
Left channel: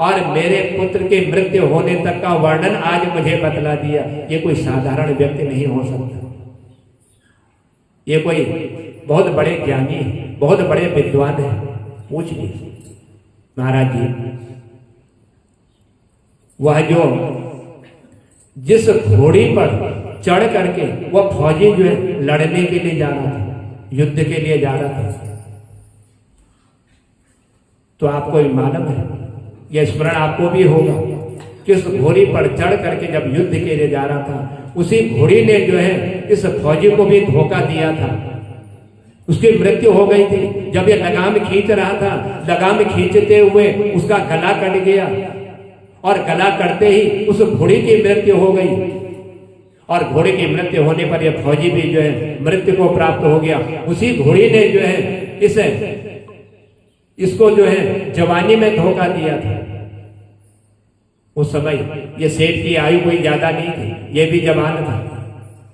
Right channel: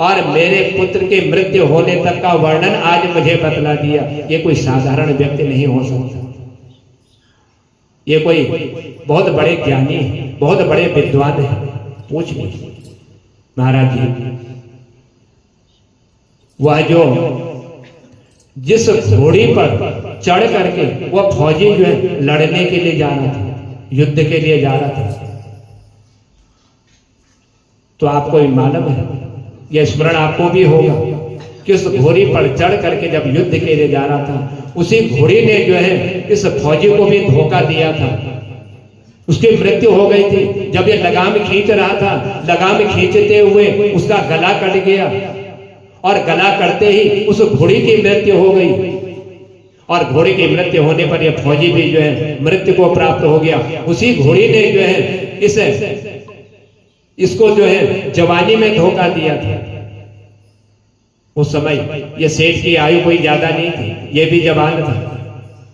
और मेरे पुत्र की मृत्यु होने तक का वर्णन आज मुझे बतला दिया। ये कोई साधारण व्यक्ति नहीं हो सकता, ये कोई बहुत बड़े ज्ञानी है, बहुत बड़े विद्वान है। पूछ लीजिए महाराज जी, वह जो जिस घोड़ी पर चढ़ करके वह फौजी जो है लड़ने के लिए जा रहा था, युद्ध के लिए जा रहा था, तो आपको भी मालूम है, यह स्मरण आपको भी होगा कि उस घोड़ी पर चढ़ करके जब युद्ध के लिए जा रहा था, उसी घोड़ी ने जो है इस फौजी को भी धोखा दिया था, उसकी मृत्यु हो गई थी। जब ये लगाम खींच रहा था, लगाम खींचते हुए उसका गला कट गया और गला कटते ही उस घोड़ी की मृत्यु हो गई, और घोड़ी की मृत्यु होने पर यह फौजी भी जो है मृत्यु को प्राप्त हो गया। उसी घोड़ी ने जो है इसको जो है जवानी में धोखा दिया था। उस समय ये सेठ की आयु कोई ज्यादा नहीं थी, ये भी जवान था,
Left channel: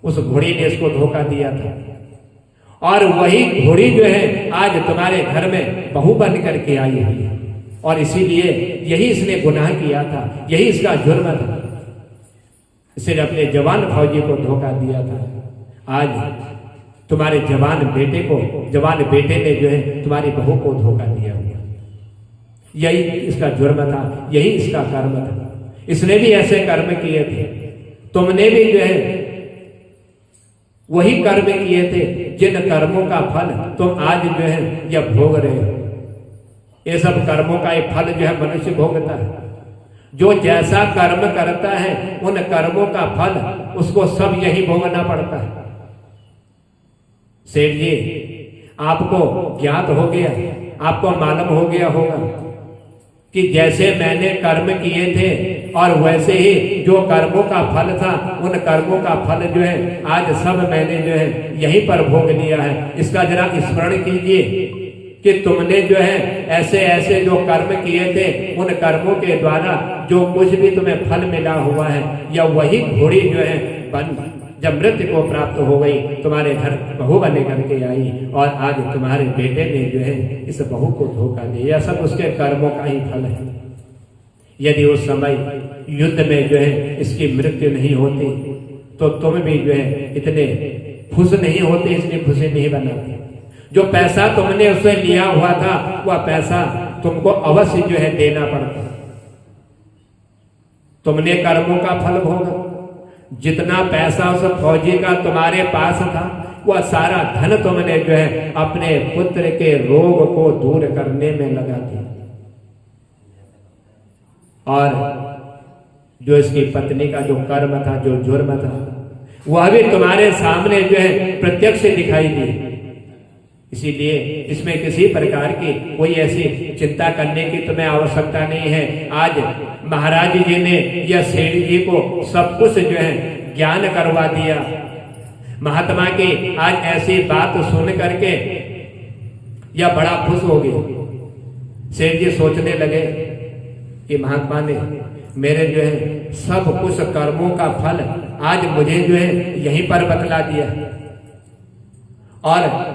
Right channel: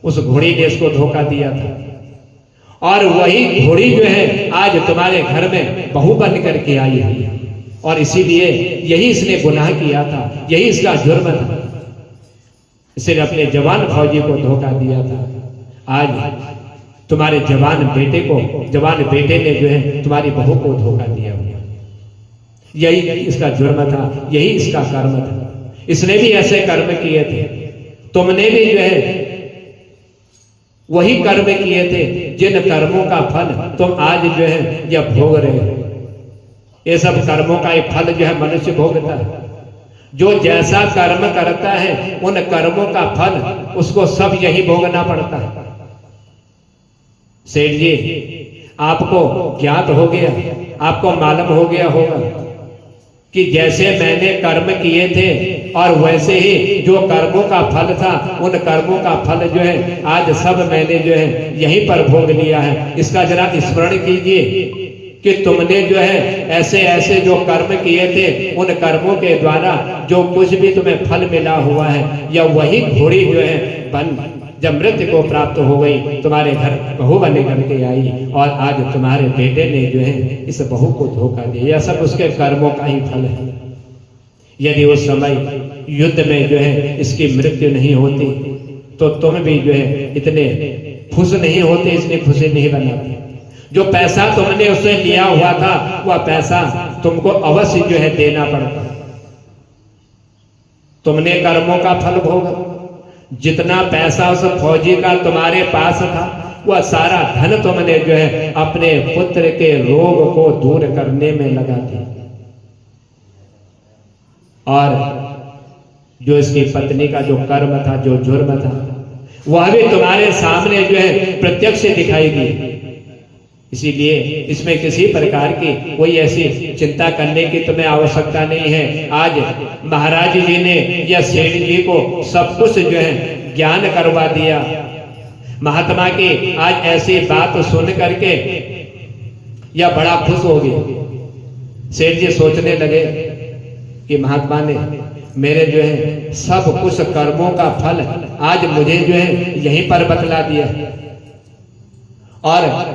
उस घोड़ी ने इसको धोखा दिया था। और वही घोड़ी जो है आज तुम्हारे घर में बहू बन करके आई हुई है, और इसीलिए यही इसने गुनाह किया था, यही इसका जुर्म था, इसने अपने जवान फौजी को धोखा दिया था। आज तुम्हारे जवान बेटे ने जो है तुम्हारी बहू को धोखा दिया हुआ, यही इसका जुर्म था, यही इसका कर्म था। इसने भी ऐसे कर्म किए थे, तुमने भी जो है वही कर्म किए थे, जिन कर्मों का फल तुम आज जो है यह भोग रहे हो। ये सब कर्मों का एक फल जो है मनुष्य भोगता है। जो जैसा कर्म करता है उन कर्मों का फल उसको सब यही भोगना पड़ता है। सेठ जी, आपको ज्ञात हो गया, आपको मालूम हो गया होगा कि जैसे मैंने कर्म किए थे और वैसे ही जो कर्मों का फल था, उन कर्मों का फल जो है आज सब मैंने जो है यहीं पर भोग लिया है। इसका जरा स्मरण कीजिए कि तुमने जो है ऐसे ऐसे जो कर्म किए थे, उन कर्मों के द्वारा जो कुछ भी तुम्हें फल मिला हुआ है, या वही घोड़ी जो है जब मृत्यु को प्राप्त हो गई, तुम्हारे घर बहू बने करके आई, और आज तुम्हारे बेटे ने जो है इस बहू को धोखा दिया। यह सब उसके कर्मों का ही फल है। यदि उस समय युद्ध में जो है इसकी मृत्यु नहीं होती तो तुम भी जो है इतने खुश नहीं होते, इतनी खुशी नहीं बनाते। जो पैसा तुमने उससे लिया हुआ था, वह पैसा तुमको अवश्य जो है देना पड़ता। तुमने कर्मों का फल भोगा। जितना पैसा उस फौजी का तुम्हारे पास था, वह सारा धन तुमने जो है अपने पुत्र के रोग को दूर करने में लगा दिया, और जो इसकी पत्नी का जो कर्म था, जो जुर्म था, वह भी तुम्हारे सामने जो है प्रत्यक्ष दिखाई दी। इसीलिए इसमें किसी प्रकार की कोई ऐसी चिंता करने की तुम्हें आवश्यकता नहीं है। आज महाराज जी ने या सेठ जी को सब कुछ जो है ज्ञान करवा दिया। महात्मा की आज ऐसी बात सुन करके या बड़ा खुश हो गए। सेठ जी सोचने लगे कि महात्मा ने मेरे जो है सब कुछ कर्मों का फल आज मुझे जो है यहीं पर बतला दिया, और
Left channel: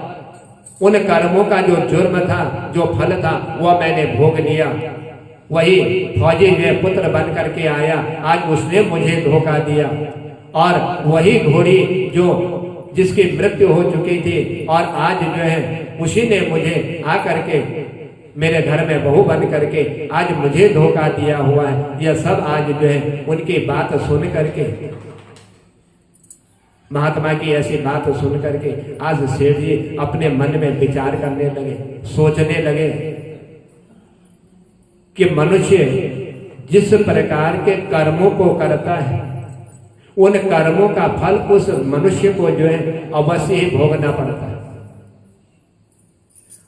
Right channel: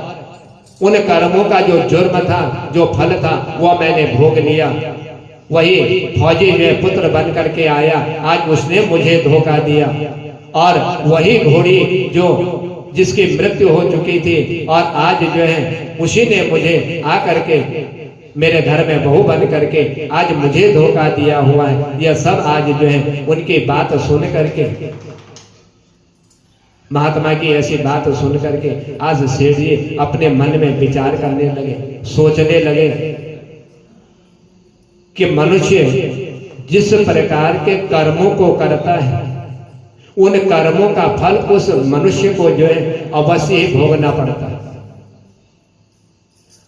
उन कर्मों का जो जुर्म था, जो फल था, वह मैंने भोग लिया। वही फौजी जो है पुत्र बन करके आया, आज उसने मुझे धोखा दिया, और वही घोड़ी जो जिसकी मृत्यु हो चुकी थी, और आज जो है उसी ने मुझे आकर के मेरे घर में बहू बन करके आज मुझे धोखा दिया हुआ है। यह सब आज जो है उनकी बात सुन करके, महात्मा की ऐसी बात सुन करके आज सेठ जी अपने मन में विचार करने लगे, सोचने लगे कि मनुष्य जिस प्रकार के कर्मों को करता है, उन कर्मों का फल उस मनुष्य को जो है अवश्य ही भोगना पड़ता है।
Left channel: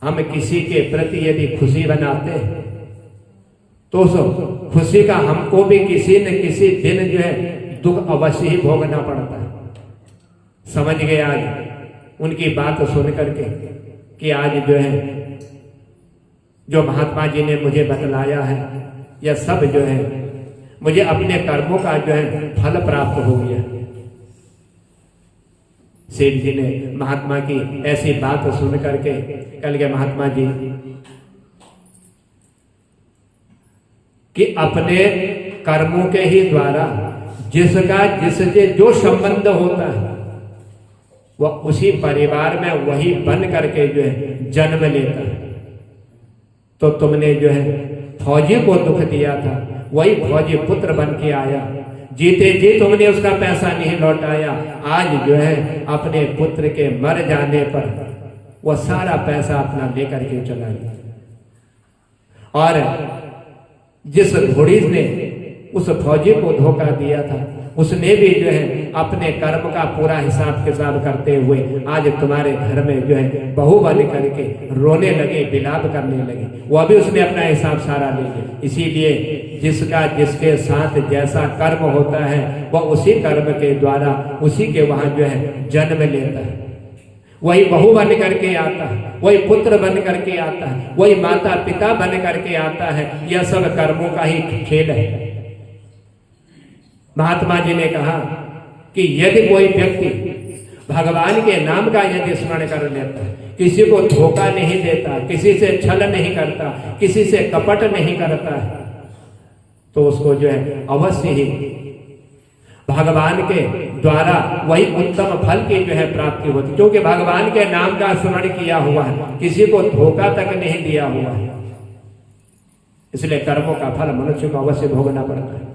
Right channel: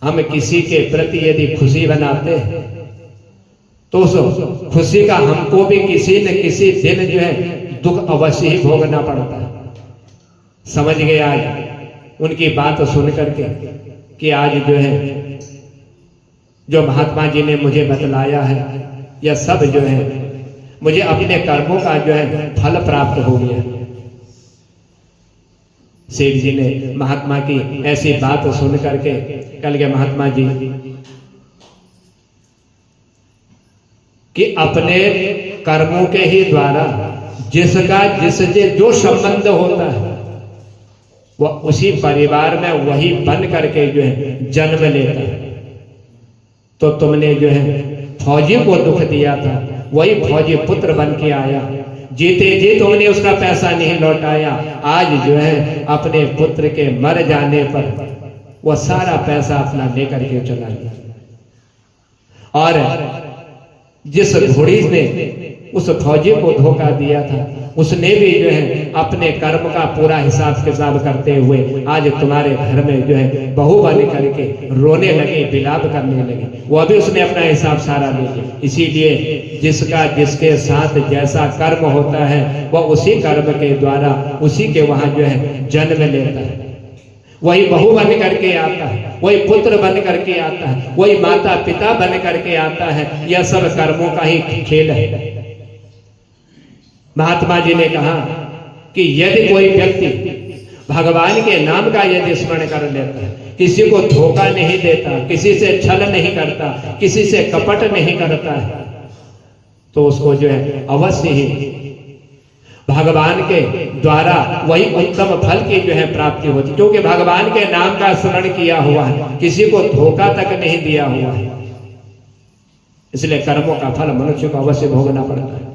हम किसी के प्रति यदि खुशी बनाते हैं तो उस खुशी का हमको भी किसी न किसी दिन जो है दुख अवश्य ही भोगना पड़ता है। समझ गए आज उनकी बात सुन करके कि आज जो है जो महात्मा जी ने मुझे बतलाया है, यह सब जो है मुझे अपने कर्मों का जो है फल प्राप्त हो गया। सेठ जी ने महात्मा की ऐसी बात सुन करके कल के महात्मा जी कि अपने कर्मों के ही द्वारा जिसका जिससे जो संबंध होता है वह उसी परिवार में वही बन करके जो है जन्म लेता है। तो तुमने जो है फौजी को दुख दिया था, वही फौजी पुत्र बन के आया, जीते जी तुमने उसका पैसा नहीं लौटाया। आज जो है अपने पुत्र के मर जाने पर वह सारा पैसा अपना लेकर के चला गया। और जिस घोड़ी ने उस फौजी को धोखा दिया था उसने भी जो है अपने कर्म का पूरा हिसाब किताब करते हुए आज तुम्हारे घर में जो है बहू बन करके रोने लगे, विलाप करने लगे। वह भी उसने अपना हिसाब सारा ले लिया। इसीलिए जिसका जिसके साथ जैसा कर्म होता है वह उसी कर्म के द्वारा उसी के वहां जो है जन्म लेता है। वही बहू बन करके आता है, वही पुत्र बन करके आता है, वही माता पिता बन करके आता है। यह सब कर्मों का ही खेल है। महात्मा जी ने कहा कि यदि कोई व्यक्ति भगवान के नाम का यदि स्मरण कर लेता है, किसी को धोखा नहीं देता, किसी से छल नहीं करता, किसी से कपट नहीं करता है, तो उसको जो है अवश्य ही भगवान के द्वारा वही उत्तम फल की जो है प्राप्ति होती, क्योंकि भगवान के नाम का स्मरण किया हुआ है, किसी को धोखा तक नहीं दिया हुआ है। इसलिए कर्मों का फल मनुष्य को अवश्य भोगना पड़ता है।